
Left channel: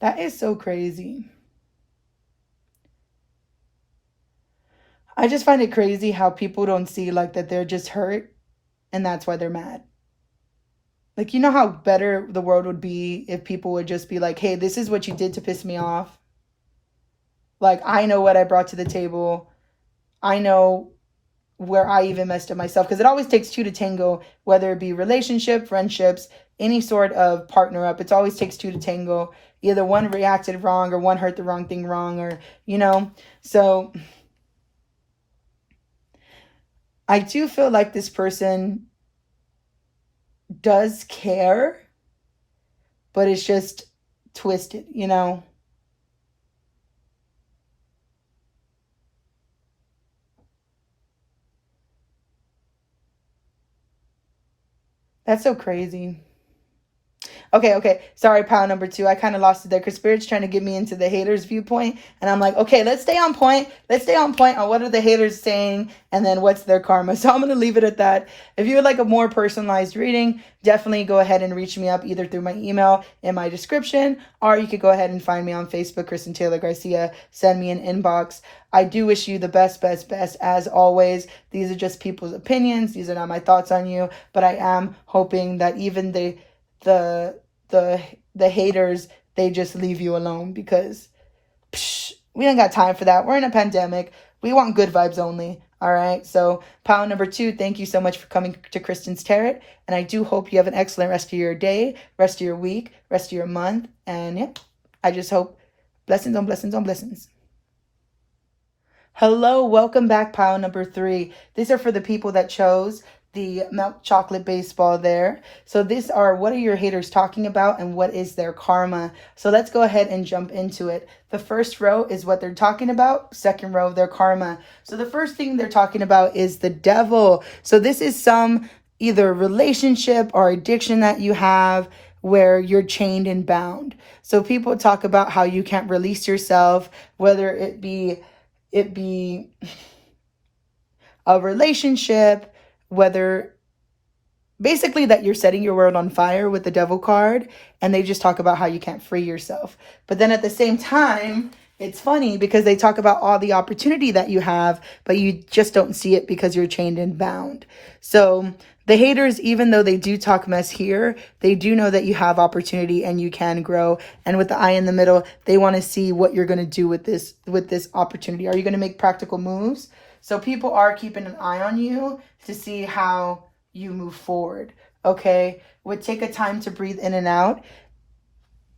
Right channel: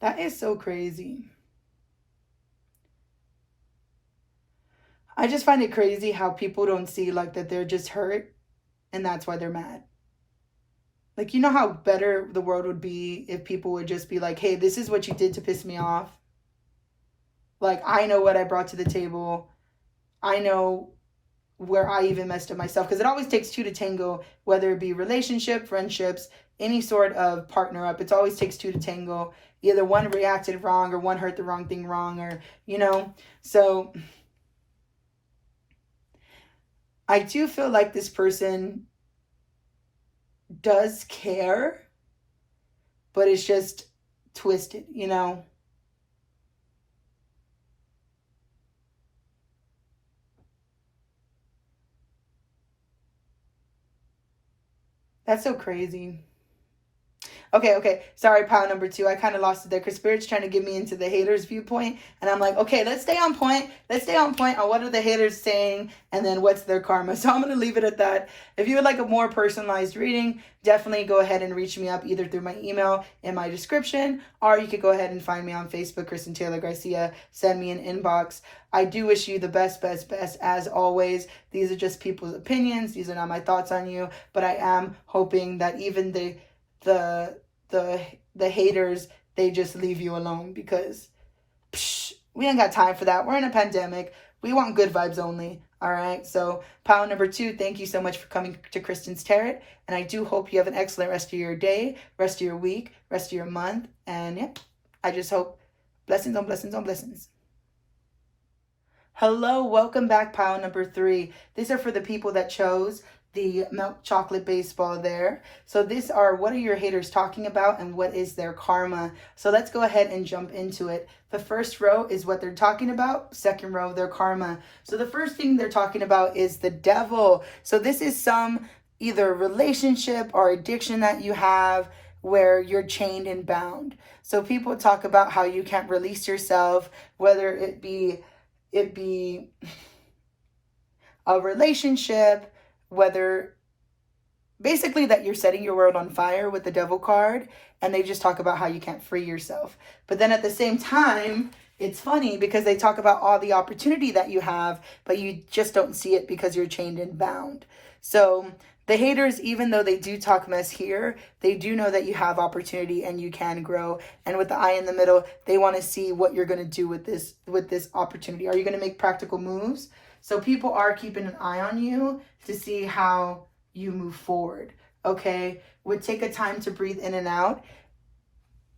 That is so crazy. I just find it crazy how people don't see like that they're just hurt and that's why they're mad. Like, you know how better the world would be if people would just be like, hey, this is what you did to piss me off. Like, I know what I brought to the table. I know where I even messed up myself. Because it always takes two to tango, whether it be relationship, friendships, any sort of partner up. It always takes two to tango. Either one reacted wrong or one heard the wrong thing wrong, or, you know. So I do feel like this person does care, but it's just twisted, you know. That's so crazy. Okay. Sorry, pile number 2. I kind of lost it there because Spirit's trying to get me into the haters' viewpoint. And I'm like, okay, let's stay on point. Let's stay on point on what are the haters saying and then what's their karma. So I'm going to leave it at that. If you would like a more personalized reading, definitely go ahead and reach me up either through my email in my description, or you could go ahead and find me on Facebook, Kristen Taylor Garcia. Send me an inbox. I do wish you the best as always. These are just people's opinions. These are not my thoughts on you, but I am hoping that even the haters, they just leave you alone, because we don't got time for that. We're in a pandemic. We want good vibes only. All right. So pile number 2, thank you so much for coming to Kristen's Tarot. And I do hope you have an excellent rest of your day, rest of your week, rest of your month. And yeah, I just hope blessings on blessings on blessings. Hello, welcome back, pile number 3. These are for the people that chose the milk chocolate baseball there. So these are, what are your haters talking about and what is their karma? So let's go ahead and jump into it. The first row is what they're talking about. Second row, their karma. So the first thing they're talking about is the devil. So this is some either relationship or addiction that you have where you're chained and bound. So people talk about how you can't release yourself, whether it be a relationship, whether basically that you're setting your world on fire with the devil card, and they just talk about how you can't free yourself. But then at the same time, it's funny because they talk about all the opportunity that you have, but you just don't see it because you're chained and bound. So the haters, even though they do talk mess here, they do know that you have opportunity and you can grow. And with the eye in the middle, they want to see what you're going to do with this opportunity. Are you going to make practical moves? So people are keeping an eye on you to see how you move forward. Okay, would take a time to breathe in and out.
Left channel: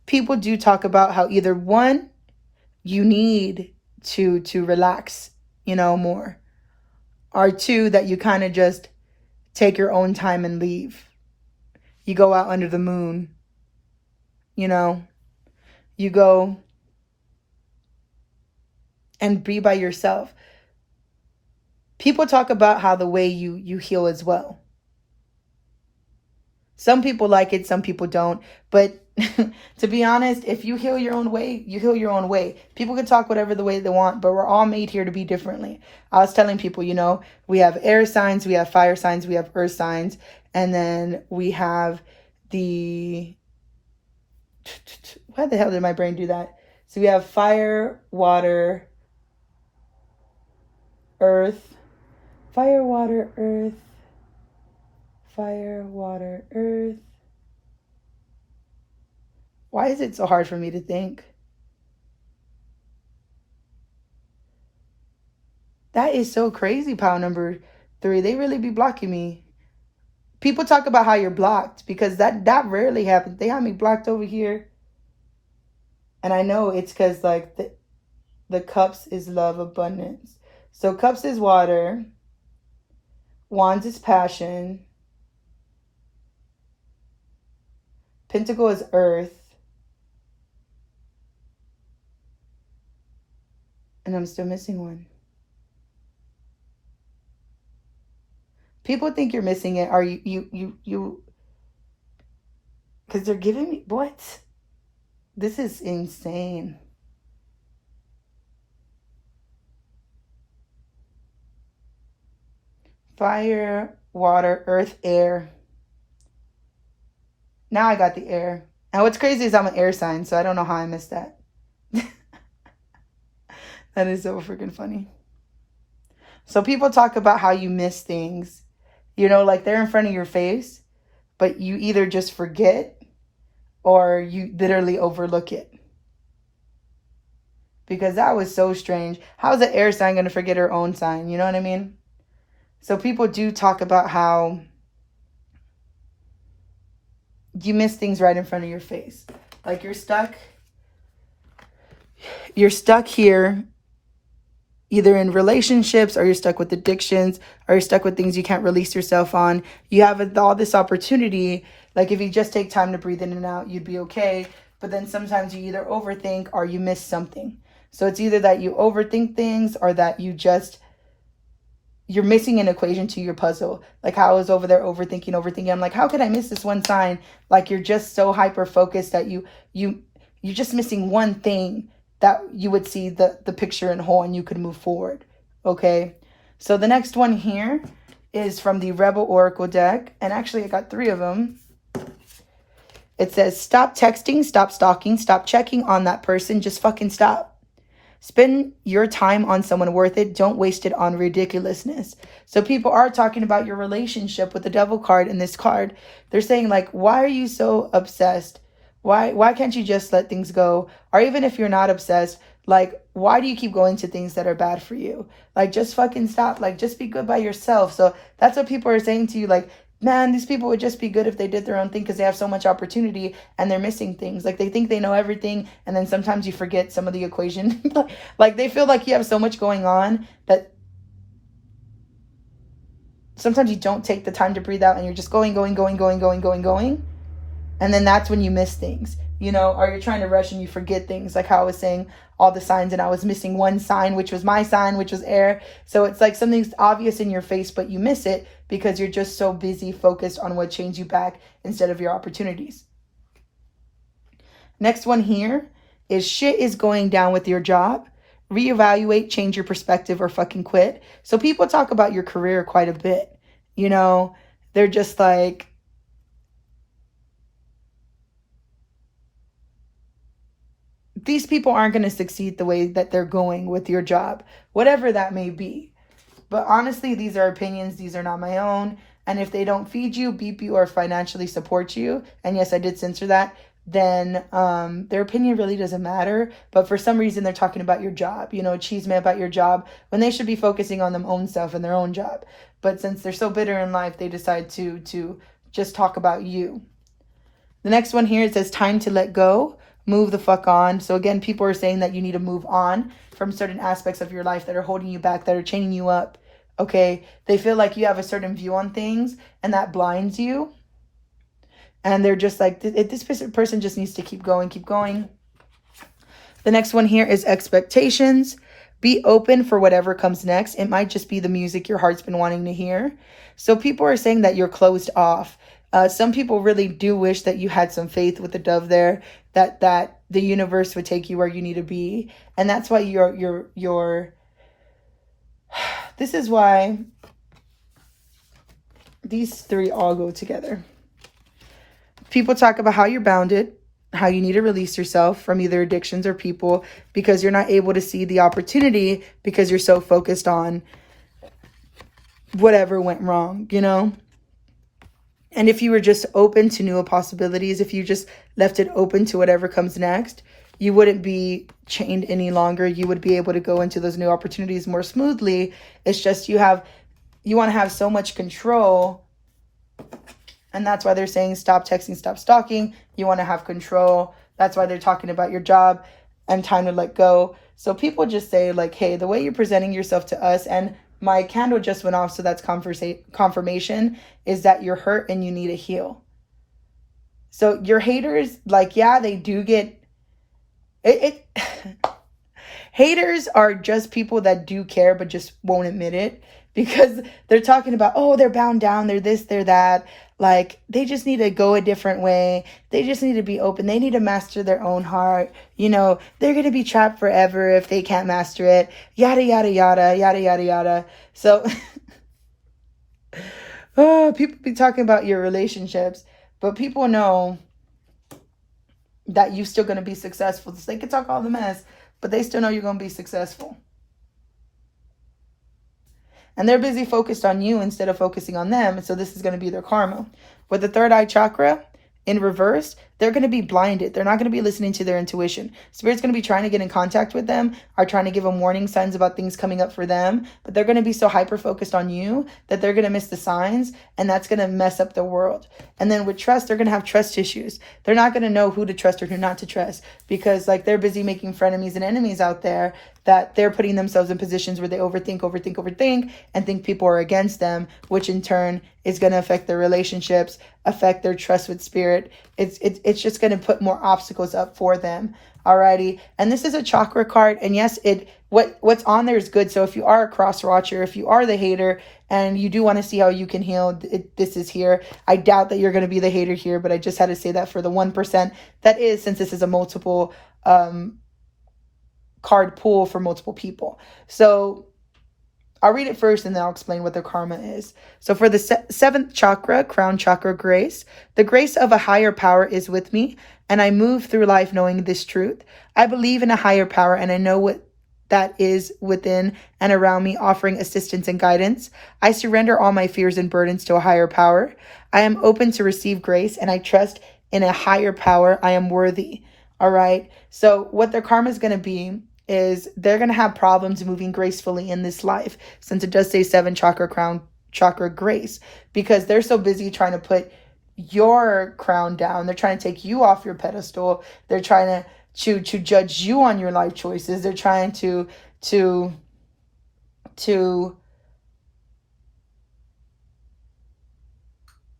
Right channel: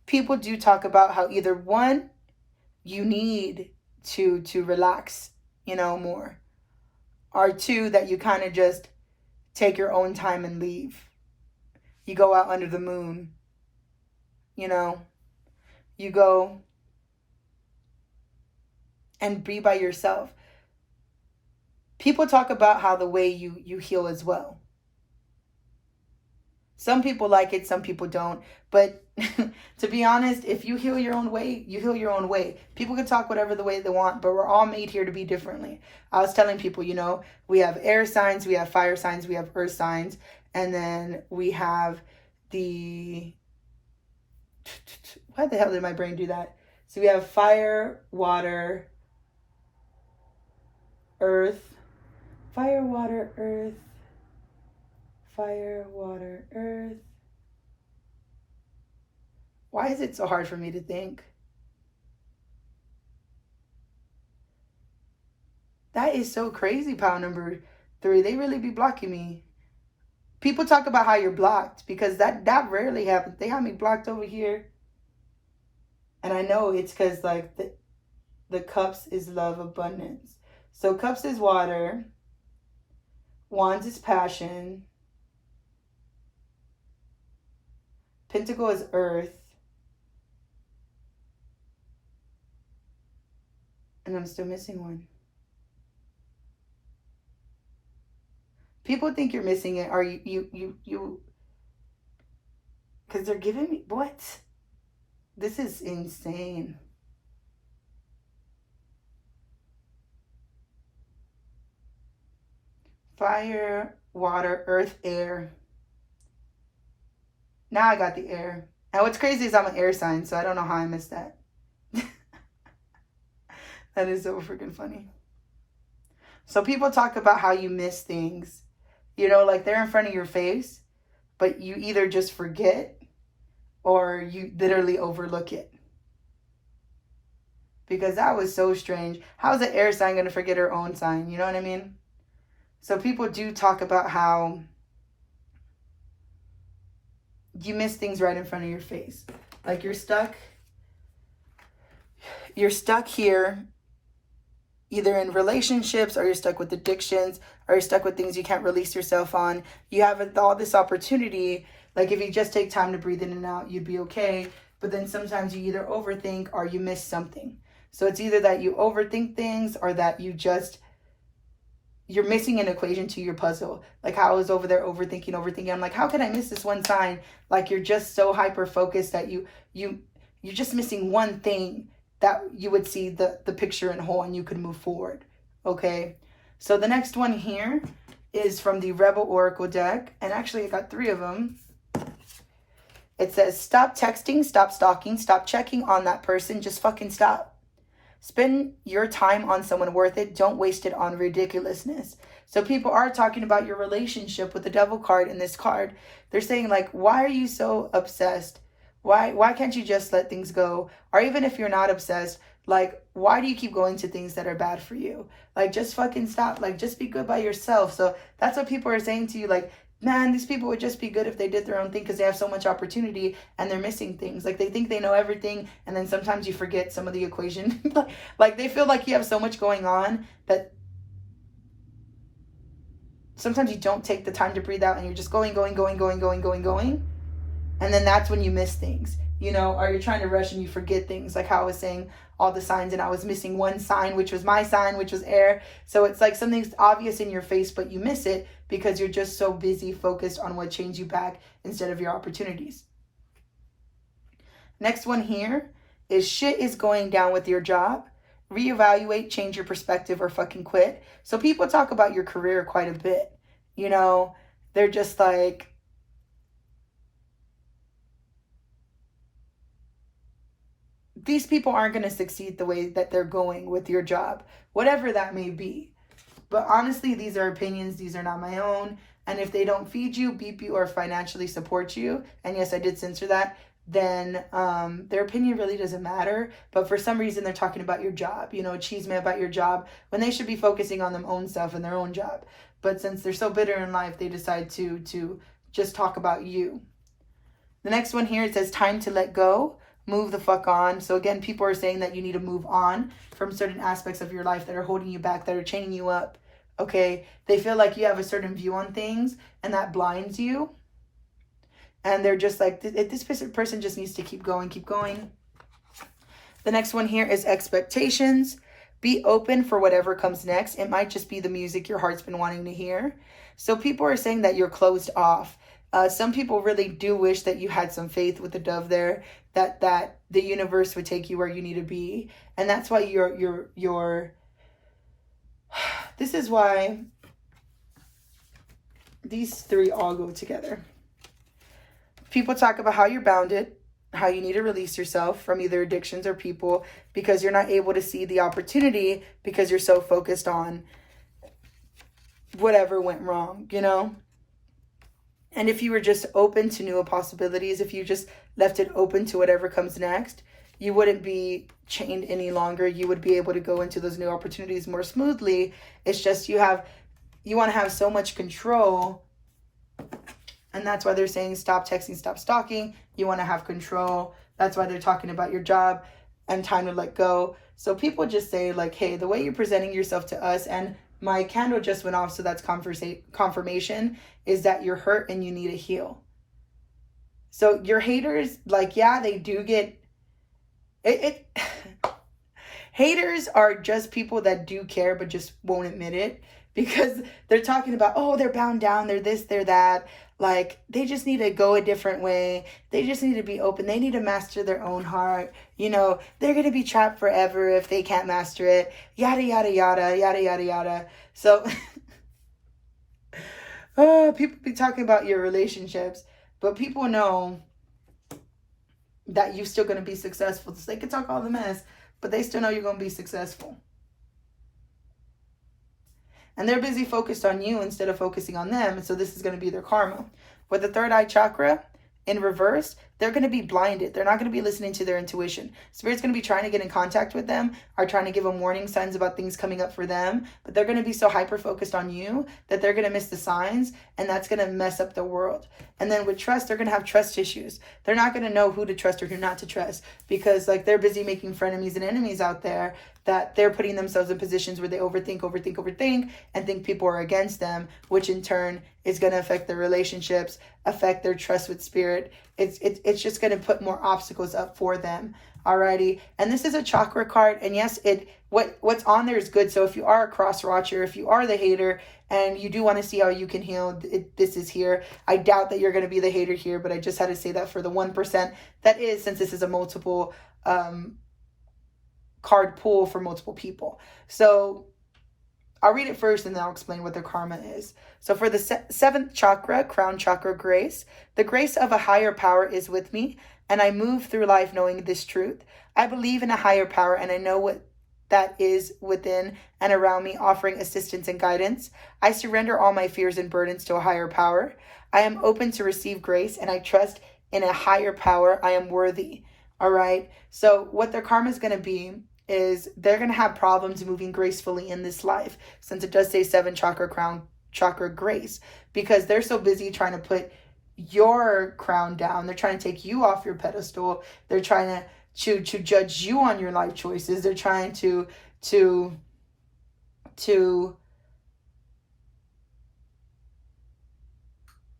People do talk about how either one, you need to relax, more, or 2, that you kind of just take your own time and leave. You go out under the moon, you go and be by yourself. People talk about how the way you heal as well. Some people like it, some people don't. But to be honest, if you heal your own way, you heal your own way. People can talk whatever the way they want, but we're all made here to be differently. I was telling people, we have air signs, we have fire signs, we have earth signs, and then we have why the hell did my brain do that? So we have fire, water, earth, fire, water, earth, fire, water, earth. Why is it so hard for me to think? That is so crazy, pile number 3. They really be blocking me. People talk about how you're blocked because that rarely happens. They have me blocked over here. And I know it's because like the cups is love, abundance. So cups is water. Wands is passion. Pentacle is earth. And I'm still missing one. People think you're missing it. Are you because they're giving me what? This is insane. Fire, water, earth, air. Now I got the air. And what's crazy is I'm an air sign, so I don't know how I missed that. That is so freaking funny. So people talk about how you miss things, you know, like they're in front of your face, but you either just forget or you literally overlook it. Because that was so strange. How is an air sign going to forget her own sign? You know what I mean? So people do talk about how you miss things right in front of your face. Like you're stuck here, either in relationships, or you're stuck with addictions, or you're stuck with things you can't release yourself on. You have all this opportunity. Like if you just take time to breathe in and out, you'd be okay. But then sometimes you either overthink or you miss something. So it's either that you overthink things or that you're missing an equation to your puzzle. Like how I was over there overthinking. I'm like, how could I miss this one sign? Like you're just so hyper focused that you're just missing one thing that you would see the picture in whole and you could move forward. Okay. So the next one here is from the Rebel Oracle deck. And actually I got 3 of them. It says, stop texting, stop stalking, stop checking on that person. Just fucking stop. Spend your time on someone worth it. Don't waste it on ridiculousness. So people are talking about your relationship with the Devil card in this card. They're saying like, why are you so obsessed? Why can't you just let things go? Or even if you're not obsessed, like, why do you keep going to things that are bad for you? Like, just fucking stop. Like, just be good by yourself. So that's what people are saying to you. Like, man, these people would just be good if they did their own thing because they have so much opportunity and they're missing things. Like they think they know everything and then sometimes you forget some of the equation. Like they feel like you have so much going on that sometimes you don't take the time to breathe out and you're just going. And then that's when you miss things, you know, or you're trying to rush and you forget things. Like how I was saying all the signs and I was missing one sign, which was my sign, which was air. So it's like something's obvious in your face, but you miss it because you're just so busy focused on what chains you back instead of your opportunities. Next one here is shit is going down with your job. Reevaluate, change your perspective, or fucking quit. So people talk about your career quite a bit. You know, they're just like, these people aren't going to succeed the way that they're going with your job, whatever that may be. But honestly, these are opinions. These are not my own. And if they don't feed you, beep you, or financially support you, and yes, I did censor that, then their opinion really doesn't matter. But for some reason, they're talking about your job, you know, chisme about your job, when they should be focusing on their own stuff and their own job. But since they're so bitter in life, they decide to just talk about you. The next one here, it says time to let go. Move the fuck on. So again, people are saying that you need to move on from certain aspects of your life that are holding you back, that are chaining you up. Okay. They feel like you have a certain view on things and that blinds you. And they're just like, this person just needs to keep going. The next one here is expectations. Be open for whatever comes next. It might just be the music your heart's been wanting to hear. So people are saying that you're closed off. Some people really do wish that you had some faith with the dove there, that the universe would take you where you need to be. And that's why you're this is why these 3 all go together. People talk about how you're bounded, how you need to release yourself from either addictions or people because you're not able to see the opportunity because you're so focused on whatever went wrong, you know? And if you were just open to new possibilities, if you just left it open to whatever comes next, you wouldn't be chained any longer. You would be able to go into those new opportunities more smoothly. It's just you want to have so much control. And that's why they're saying stop texting, stop stalking. You want to have control. That's why they're talking about your job and time to let go. So people just say like, hey, the way you're presenting yourself to us, and my candle just went off, so that's confirmation, is that you're hurt and you need to heal. So your haters, like, yeah, they do get it. Haters are just people that do care but just won't admit it because they're talking about, oh, they're bound down, they're this, they're that. Like, they just need to go a different way. They just need to be open. They need to master their own heart. You know, they're going to be trapped forever if they can't master it. Yada, yada, yada, yada, yada, yada. So, people be talking about your relationships, but people know that you're still going to be successful. So they can talk all the mess, but they still know you're going to be successful. And they're busy focused on you instead of focusing on them. And so this is going to be their karma. With the third eye chakra in reverse, they're going to be blinded. They're not going to be listening to their intuition. Spirit's going to be trying to get in contact with them, are trying to give them warning signs about things coming up for them, but they're going to be so hyper-focused on you that they're going to miss the signs, and that's going to mess up the world. And then with trust, they're going to have trust issues. They're not going to know who to trust or who not to trust because like they're busy making frenemies and enemies out there that they're putting themselves in positions where they overthink, and think people are against them, which in turn is going to affect their relationships, affect their trust with spirit. It's just going to put more obstacles up for them. Alrighty. And this is a chakra card. And yes, what's on there is good. So if you are a cross watcher, if you are the hater and you do want to see how you can heal, this is here. I doubt that you're going to be the hater here, but I just had to say that for the 1%. That is, since this is a multiple card pool for multiple people. So I'll read it first and then I'll explain what their karma is. So for the seventh chakra, crown chakra, grace, the grace of a higher power is with me, and I move through life knowing this truth. I believe in a higher power, and I know what that is within and around me, offering assistance and guidance. I surrender all my fears and burdens to a higher power. I am open to receive grace, and I trust in a higher power. I am worthy. All right. So what their karma is going to be is they're going to have problems moving gracefully in this life, since it does say 7 chakra, crown chakra, grace, because they're so busy trying to put your crown down. They're trying to take you off your pedestal. They're trying to judge you on your life choices. They're trying to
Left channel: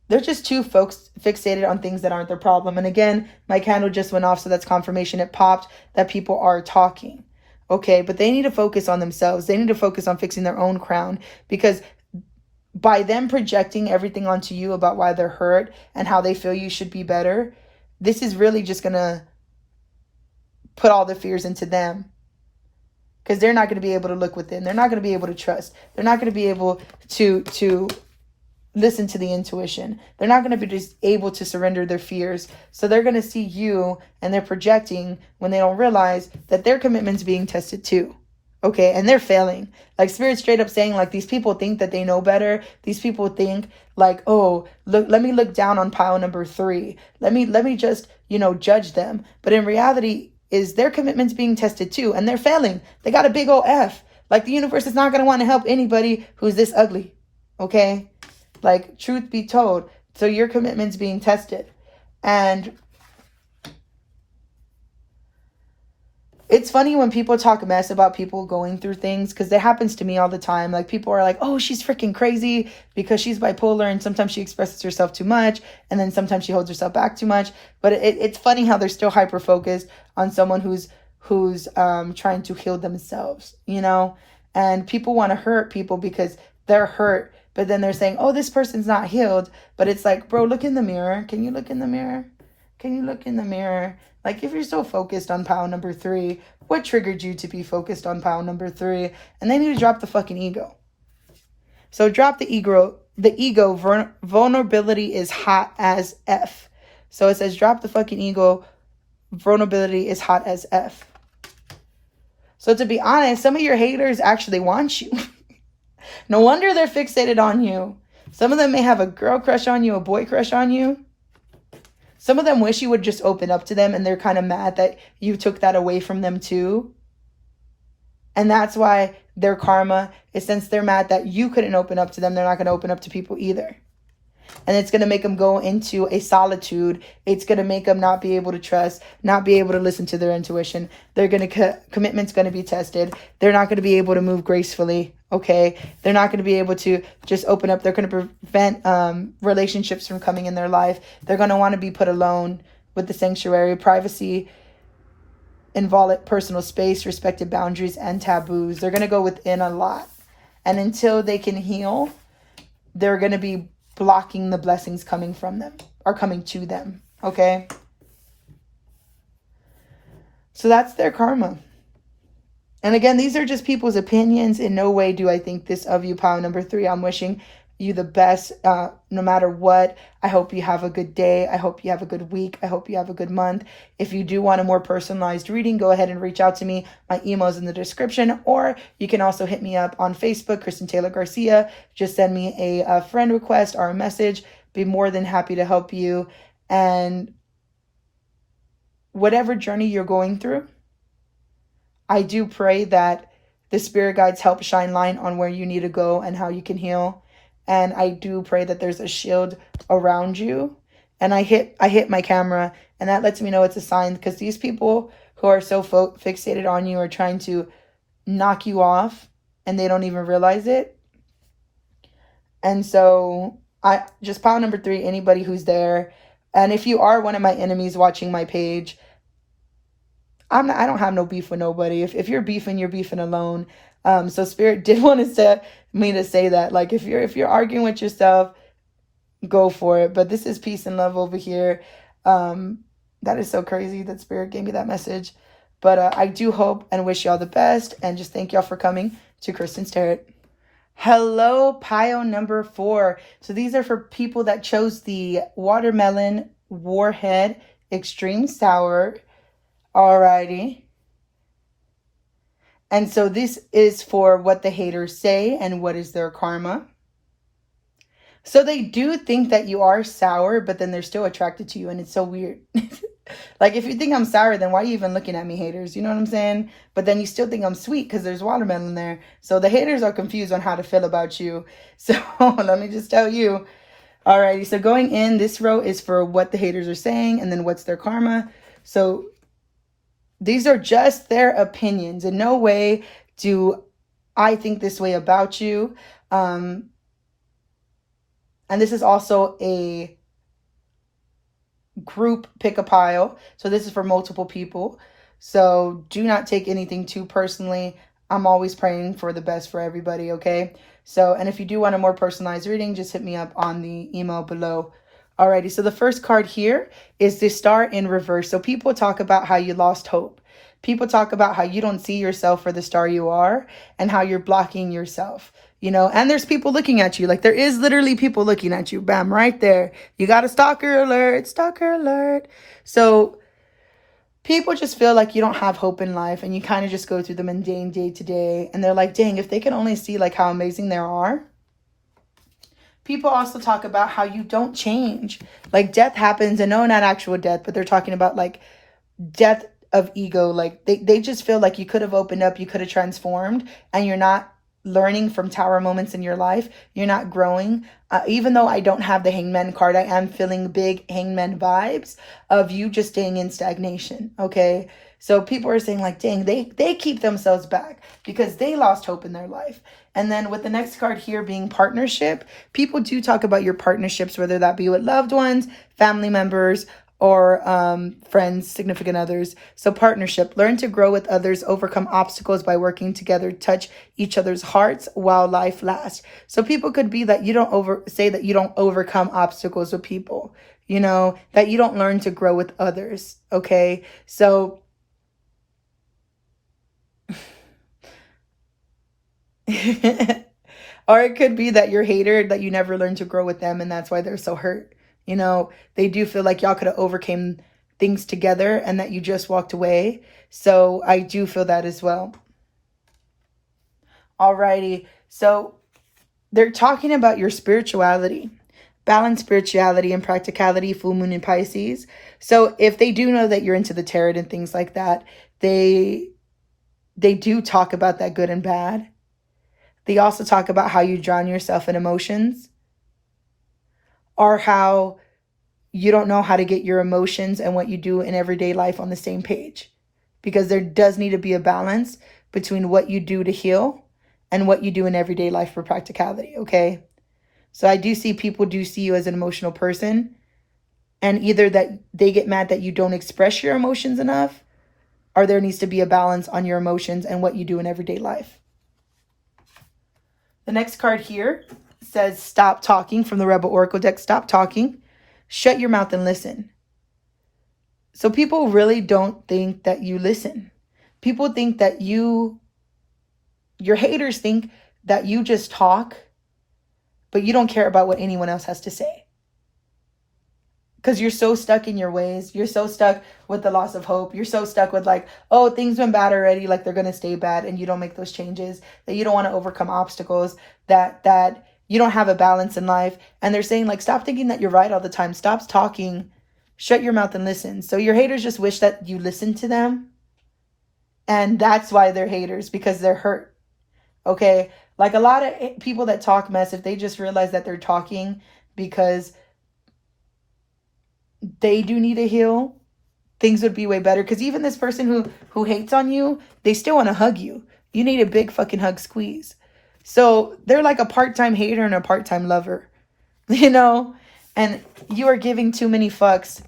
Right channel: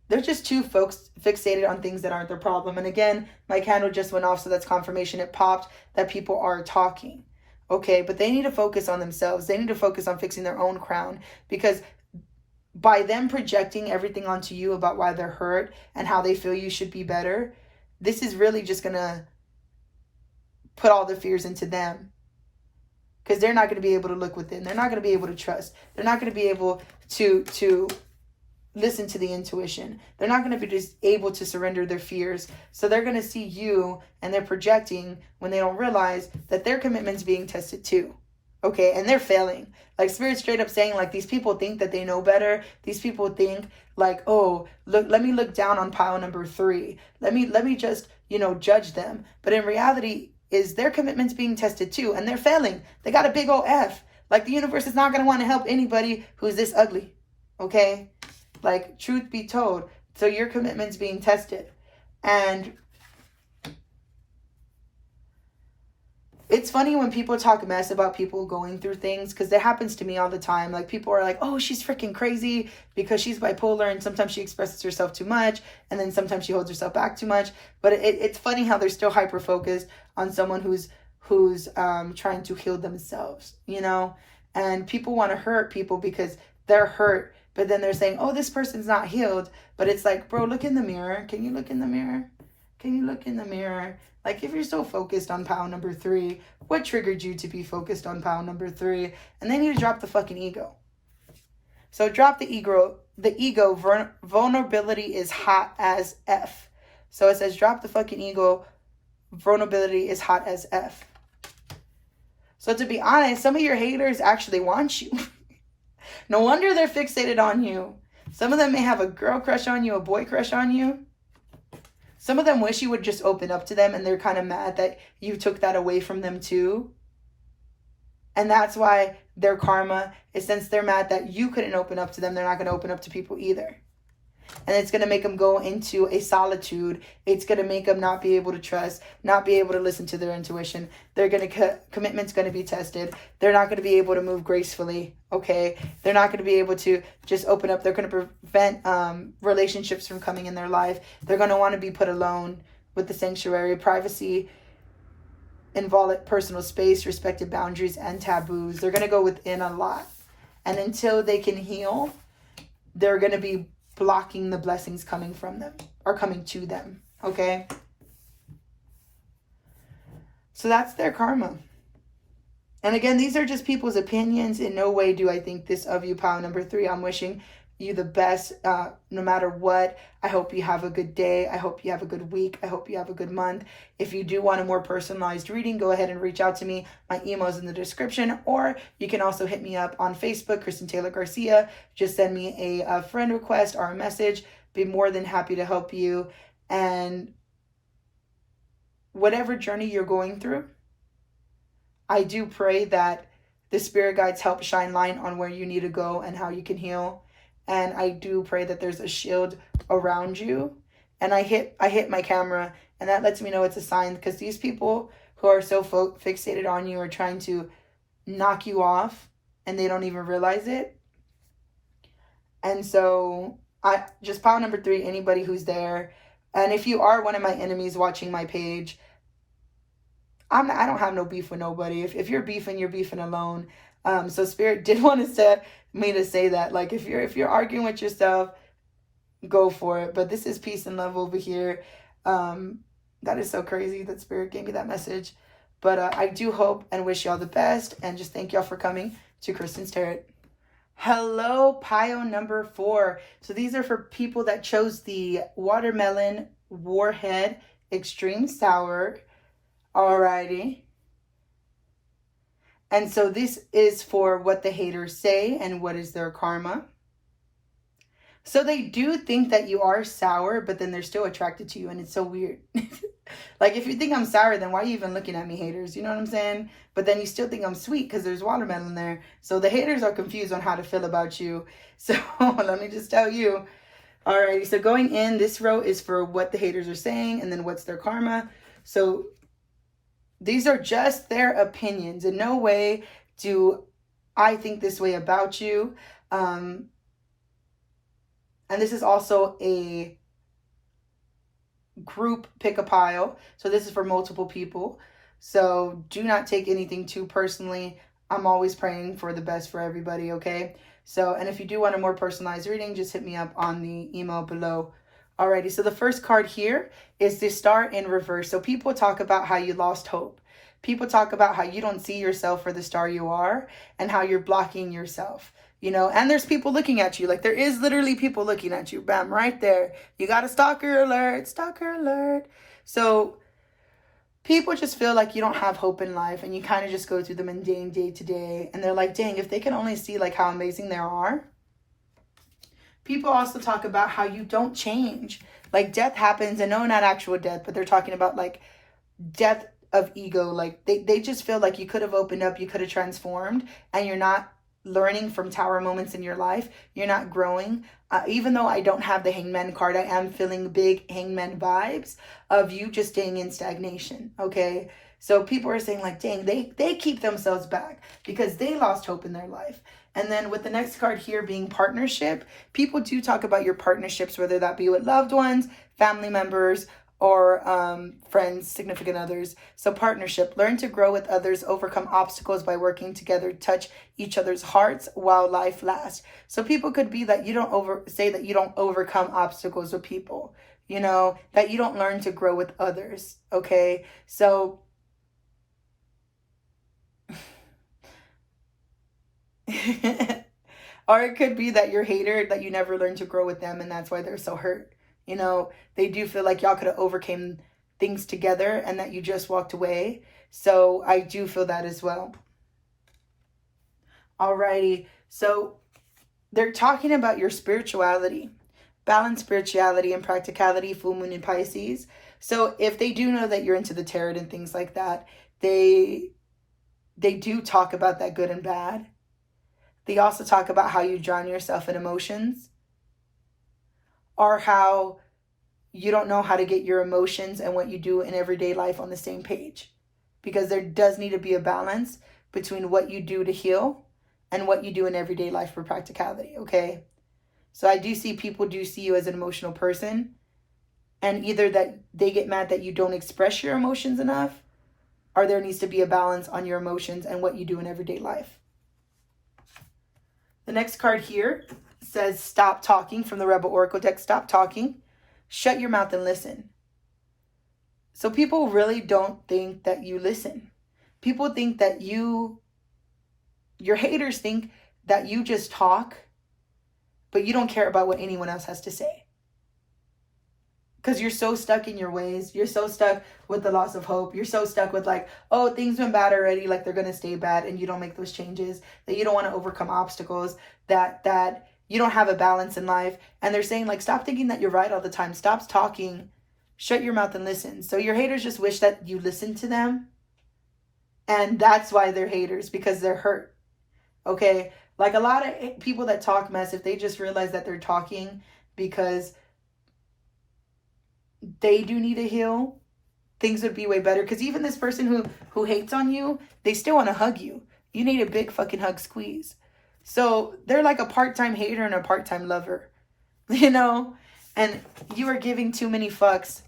they're just too fixated on things that aren't their problem. And again, my candle just went off, so that's confirmation. It popped that people are talking. Okay, but they need to focus on themselves. They need to focus on fixing their own crown, because by them projecting everything onto you about why they're hurt and how they feel you should be better, this is really just going to put all the fears into them, because they're not going to be able to look within. They're not going to be able to trust. They're not going to be able to listen to the intuition. They're not going to be just able to surrender their fears. So they're going to see you and they're projecting when they don't realize that their commitment's being tested too. Okay, and they're failing. Like Spirit straight up saying, like, these people think that they know better. These people think like, oh, look, let me look down on pile number 3. Let me just, judge them. But in reality, is their commitment's being tested too, and they're failing. They got a big old F. Like, the universe is not going to want to help anybody who's this ugly. Okay? Like, truth be told. So your commitment's being tested. And it's funny when people talk mess about people going through things, because it happens to me all the time. Like, people are like, oh, she's freaking crazy because she's bipolar, and sometimes she expresses herself too much, and then sometimes she holds herself back too much. But it's funny how they're still hyper focused on someone who's trying to heal themselves, and people want to hurt people because they're hurt. But then they're saying, oh, this person's not healed. But it's like, bro, look in the mirror. Can you look in the mirror? Can you look in the mirror? Like, if you're so focused on pile number 3, what triggered you to be focused on pile number 3? And they need to drop the fucking ego. So drop the ego. The ego, vulnerability is hot as F. So it says, drop the fucking ego. Vulnerability is hot as F. So to be honest, some of your haters actually want you. No wonder they're fixated on you. Some of them may have a girl crush on you, a boy crush on you. Some of them wish you would just open up to them, and they're kind of mad that you took that away from them too. And that's why their karma is, since they're mad that you couldn't open up to them, they're not going to open up to people either. And it's going to make them go into a solitude. It's going to make them not be able to trust, not be able to listen to their intuition. They're going to, commitment's going to be tested. They're not going to be able to move gracefully. Okay. They're not going to be able to just open up. They're going to prevent relationships from coming in their life. They're going to want to be put alone with the sanctuary, privacy, involved personal space, respected boundaries, and taboos. They're going to go within a lot. And until they can heal, they're going to be blocking the blessings coming from them or coming to them. Okay. So that's their karma. And again, these are just people's opinions. In no way do I think this of you, pile number 3. I'm wishing you the best no matter what. I hope you have a good day. I hope you have a good week. I hope you have a good month. If you do want a more personalized reading, go ahead and reach out to me. My email is in the description, or you can also hit me up on Facebook, Kristen Taylor Garcia. Just send me a friend request or a message. Be more than happy to help you. And whatever journey you're going through, I do pray that the spirit guides help shine light on where you need to go and how you can heal. And I do pray that there's a shield around you. And I hit my camera, and that lets me know it's a sign, because these people who are so fixated on you are trying to knock you off, and they don't even realize it. And so I just pile number 3, anybody who's there. And if you are one of my enemies watching my page, I don't have no beef with nobody. If you're beefing, you're beefing alone. So Spirit did want me to say that. Like, if you're arguing with yourself, go for it. But this is peace and love over here. That is so crazy that Spirit gave me that message. But I do hope and wish y'all the best. And just thank y'all for coming to Kristen's Tarot. Hello, pile number 4. So these are for people that chose the Watermelon Warhead Extreme Sour. Alrighty. And so this is for what the haters say and what is their karma. So they do think that you are sour, but then they're still attracted to you, and it's so weird. Like, if you think I'm sour, then why are you even looking at me, haters? You know what I'm saying? But then you still think I'm sweet because there's watermelon there. So the haters are confused on how to feel about you. So let me just tell you. Alrighty, so going in, this row is for what the haters are saying and then what's their karma. So these are just their opinions. In no way do I think this way about you. And this is also a group pick a pile. So this is for multiple people. So do not take anything too personally. I'm always praying for the best for everybody, okay? So, and if you do want a more personalized reading, just hit me up on the email below. Alrighty, so the first card here is the Star in reverse. So people talk about how you lost hope. People talk about how you don't see yourself for the star you are and how you're blocking yourself, you know, and there's people looking at you. Like, there is literally people looking at you. Bam, right there. You got a stalker alert, stalker alert. So people just feel like you don't have hope in life, and you kind of just go through the mundane day to day. And they're like, dang, if they can only see like how amazing there are. People also talk about how you don't change. Like, death happens, and no, not actual death, but they're talking about like death of ego. Like, they just feel like you could have opened up, you could have transformed, and you're not learning from tower moments in your life. You're not growing. Even though I don't have the Hangman card, I am feeling big Hangman vibes of you just staying in stagnation, okay? So people are saying like, dang, they keep themselves back because they lost hope in their life. And then with the next card here being partnership, people do talk about your partnerships, whether that be with loved ones, family members, or friends, significant others. So partnership, learn to grow with others, overcome obstacles by working together, touch each other's hearts while life lasts. So people could be that you don't overcome obstacles with people, you know, that you don't learn to grow with others. Okay. So or it could be that you're hater, that you never learn to grow with them, and that's why they're so hurt. You know, they do feel like y'all could have overcame things together and that you just walked away. So I do feel that as well. Alrighty, so they're talking about your spirituality, balance spirituality and practicality, full moon in Pisces. So if they do know that you're into the tarot and things like that, they do talk about that good and bad. They also talk about how you drown yourself in emotions, or how you don't know how to get your emotions and what you do in everyday life on the same page. Because there does need to be a balance between what you do to heal and what you do in everyday life for practicality, okay? So I do see people do see you as an emotional person, and either that they get mad that you don't express your emotions enough, or there needs to be a balance on your emotions and what you do in everyday life. The next card here says stop talking, from the Rebel Oracle deck. Stop talking, shut your mouth and listen. So people really don't think that you listen. People think that your haters think that you just talk but you don't care about what anyone else has to say. Because you're so stuck in your ways. You're so stuck with the loss of hope. You're so stuck with like, oh, things went bad already, like they're going to stay bad, and you don't make those changes, that you don't want to overcome obstacles, that you don't have a balance in life. And they're saying like, stop thinking that you're right all the time. Stop talking. Shut your mouth and listen. So your haters just wish that you listen to them. And that's why they're haters, because they're hurt. Okay? Like a lot of people that talk mess, if they just realize that they're talking because they do need to heal, things would be way better. Because even this person who hates on you, they still want to hug you. You need a big fucking hug squeeze. So they're like a part-time hater and a part-time lover, you know? And you are giving too many fucks,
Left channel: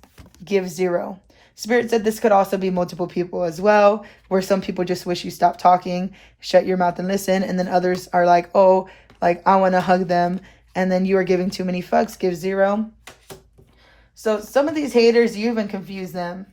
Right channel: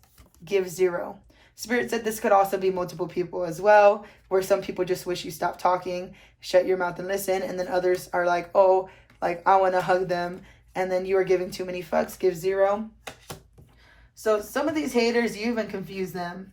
give 0. Spirit said this could also be multiple people as well, where some people just wish you stop talking, shut your mouth and listen. And then others are like, oh, like I want to hug them. And then you are giving too many fucks, give 0. So some of these haters, you even confuse them.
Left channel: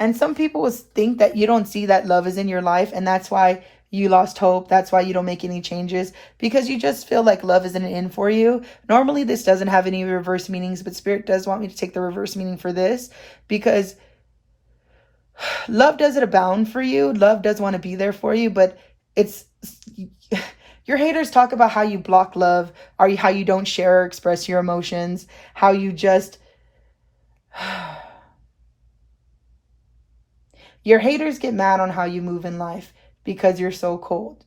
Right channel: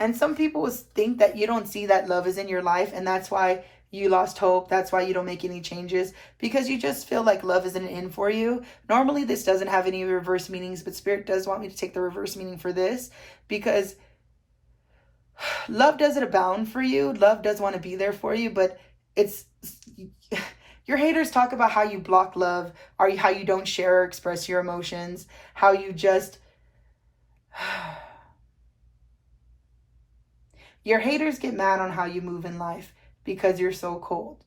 And some people will think that you don't see that love is in your life, and that's why you lost hope. That's why you don't make any changes, because you just feel like love isn't in for you. Normally this doesn't have any reverse meanings, but Spirit does want me to take the reverse meaning for this, because love doesn't abound for you. Love does want to be there for you, but it's your haters talk about how you block love, or how you don't share or express your emotions, how you just your haters get mad on how you move in life because you're so cold.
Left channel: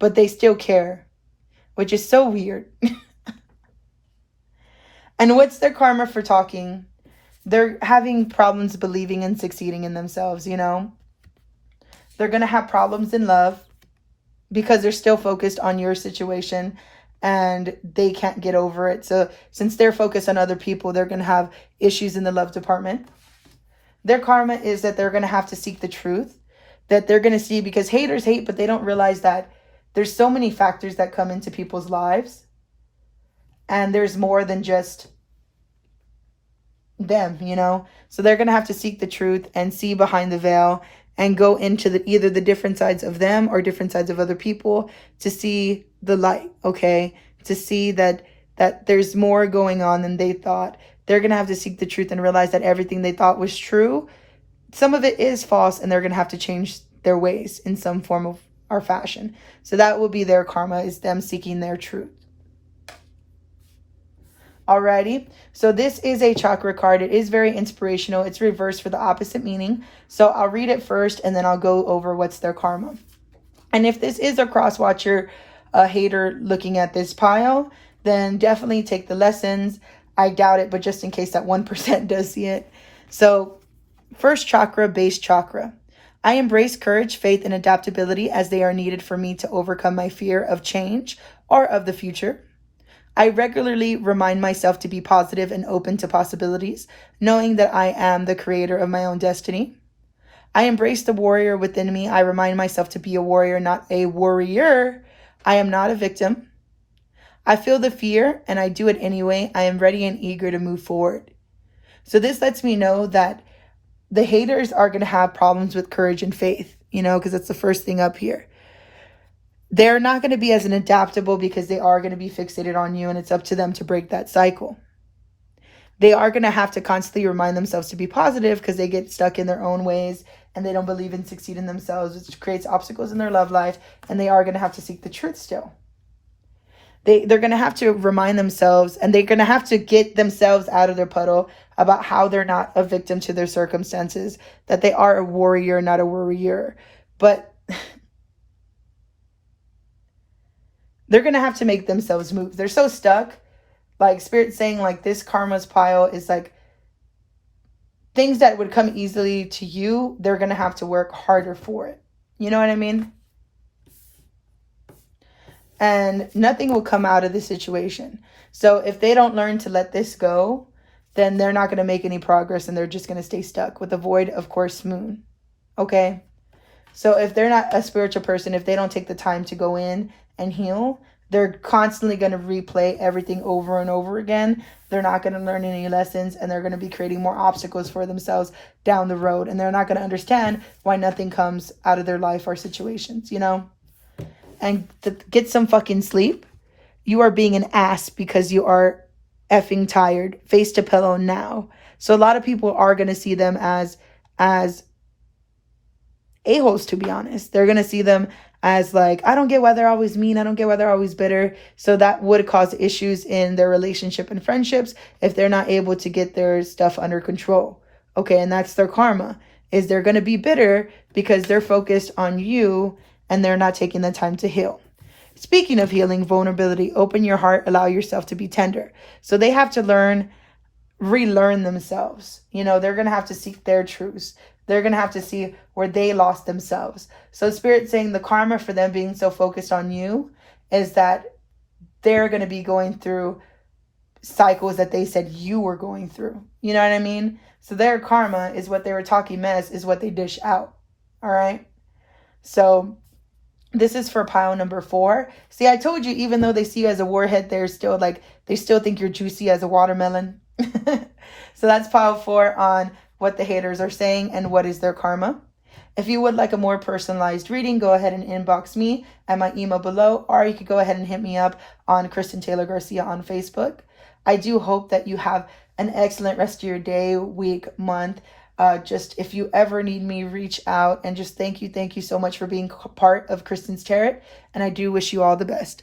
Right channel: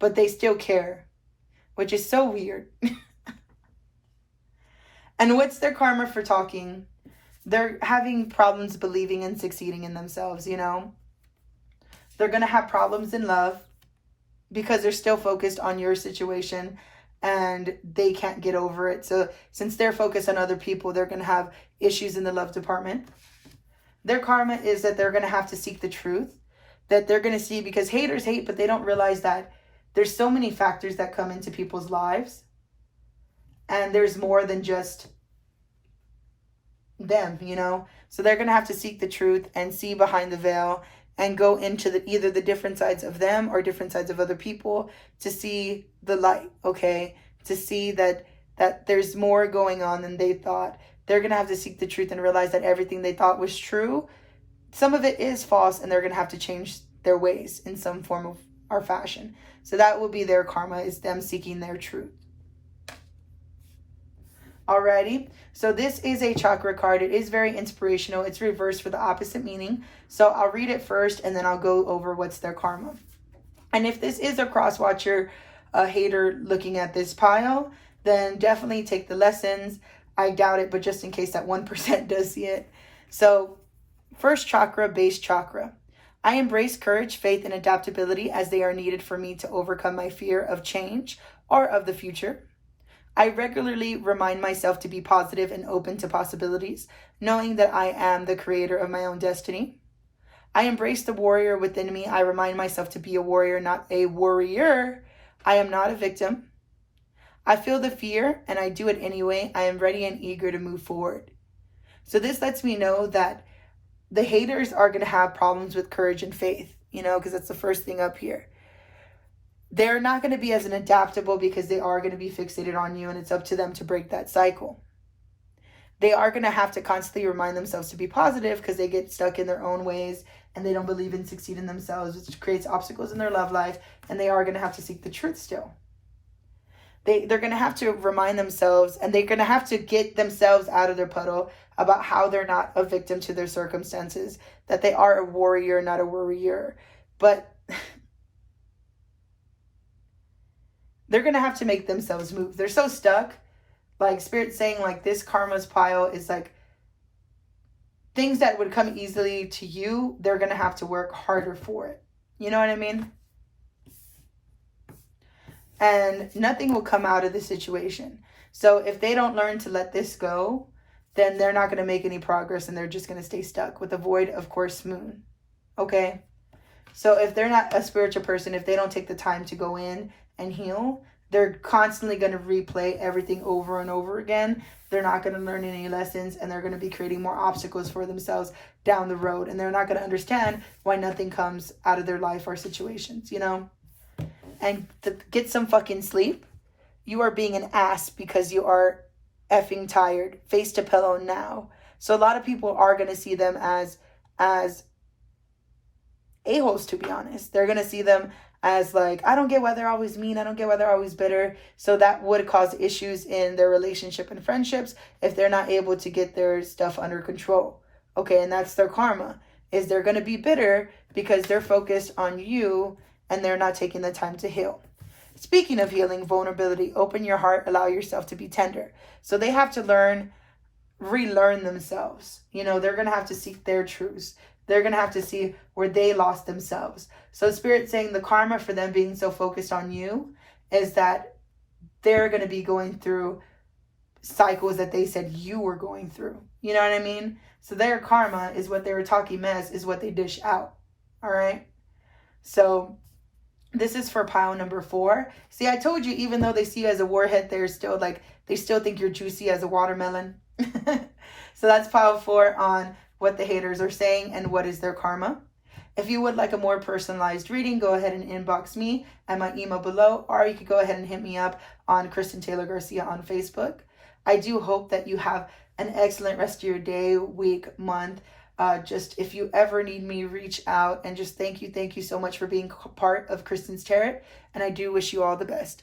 But they still care, which is so weird. And what's their karma for talking? They're having problems believing and succeeding in themselves, you know? They're going to have problems in love because they're still focused on your situation and they can't get over it. So since they're focused on other people, they're going to have issues in the love department. Their karma is that they're going to have to seek the truth, that they're going to see, because haters hate, but they don't realize that there's so many factors that come into people's lives. And there's more than just them, you know? So they're going to have to seek the truth and see behind the veil and go into either the different sides of them or different sides of other people to see the light, okay? To see that there's more going on than they thought. They're going to have to seek the truth and realize that everything they thought was true, some of it is false, and they're going to have to change their ways in some form of or fashion. So that will be their karma, is them seeking their truth. Alrighty, so this is a chakra card. It is very inspirational. It's reversed for the opposite meaning. So I'll read it first and then I'll go over what's their karma. And if this is a cross watcher, a hater looking at this pile, then definitely take the lessons. I doubt it, but just in case that 1% does see it. So first chakra, base chakra. I embrace courage, faith, and adaptability as they are needed for me to overcome my fear of change or of the future. I regularly remind myself to be positive and open to possibilities, knowing that I am the creator of my own destiny. I embrace the warrior within me. I remind myself to be a warrior, not a worrier. I am not a victim. I feel the fear and I do it anyway. I am ready and eager to move forward. So this lets me know that the haters are going to have problems with courage and faith, you know, because that's the first thing up here. They're not going to be as adaptable because they are going to be fixated on you, and it's up to them to break that cycle. They are going to have to constantly remind themselves to be positive because they get stuck in their own ways and they don't believe in succeeding themselves, which creates obstacles in their love life, and they are going to have to seek the truth still. They're going to have to remind themselves, and they're going to have to get themselves out of their puddle about how they're not a victim to their circumstances, that they are a warrior, not a worrier. But they're going to have to make themselves move. They're so stuck. Like Spirit's saying, like this karma's pile is like things that would come easily to you. They're going to have to work harder for it. You know what I mean? And nothing will come out of the situation. So if they don't learn to let this go, then they're not going to make any progress and they're just going to stay stuck with the void, of course, moon. Okay? So if they're not a spiritual person, if they don't take the time to go in and heal, they're constantly going to replay everything over and over again. They're not going to learn any lessons, and they're going to be creating more obstacles for themselves down the road. And they're not going to understand why nothing comes out of their life or situations, you know? and get some fucking sleep. You are being an ass because you are effing tired. Face to pillow now. So a lot of people are going to see them as a-holes, to be honest. They're going to see them as like, I don't get why they're always mean. I don't get why they're always bitter. So that would cause issues in their relationship and friendships if they're not able to get their stuff under control. Okay, and that's their karma, is they're going to be bitter because they're focused on you and they're not taking the time to heal. Speaking of healing, vulnerability, open your heart, allow yourself to be tender. So they have to relearn themselves. You know, they're going to have to seek their truths. They're going to have to see where they lost themselves. So Spirit's saying the karma for them being so focused on you is that they're going to be going through cycles that they said you were going through. You know what I mean? So their karma is what they were talking mess, is what they dish out. All right? So this is for pile number 4. See, I told you, even though they see you as a warhead, they're still like, they still think you're juicy as a watermelon. So that's pile 4 on what the haters are saying and what is their karma. If you would like a more personalized reading, go ahead and inbox me at my email below, or you could go ahead and hit me up on Kristen Taylor Garcia on Facebook. I do hope that you have an excellent rest of your day, week, month. Just if you ever need me, reach out, and just thank you so much for being part of Kristen's Tarot, and I do wish you all the best.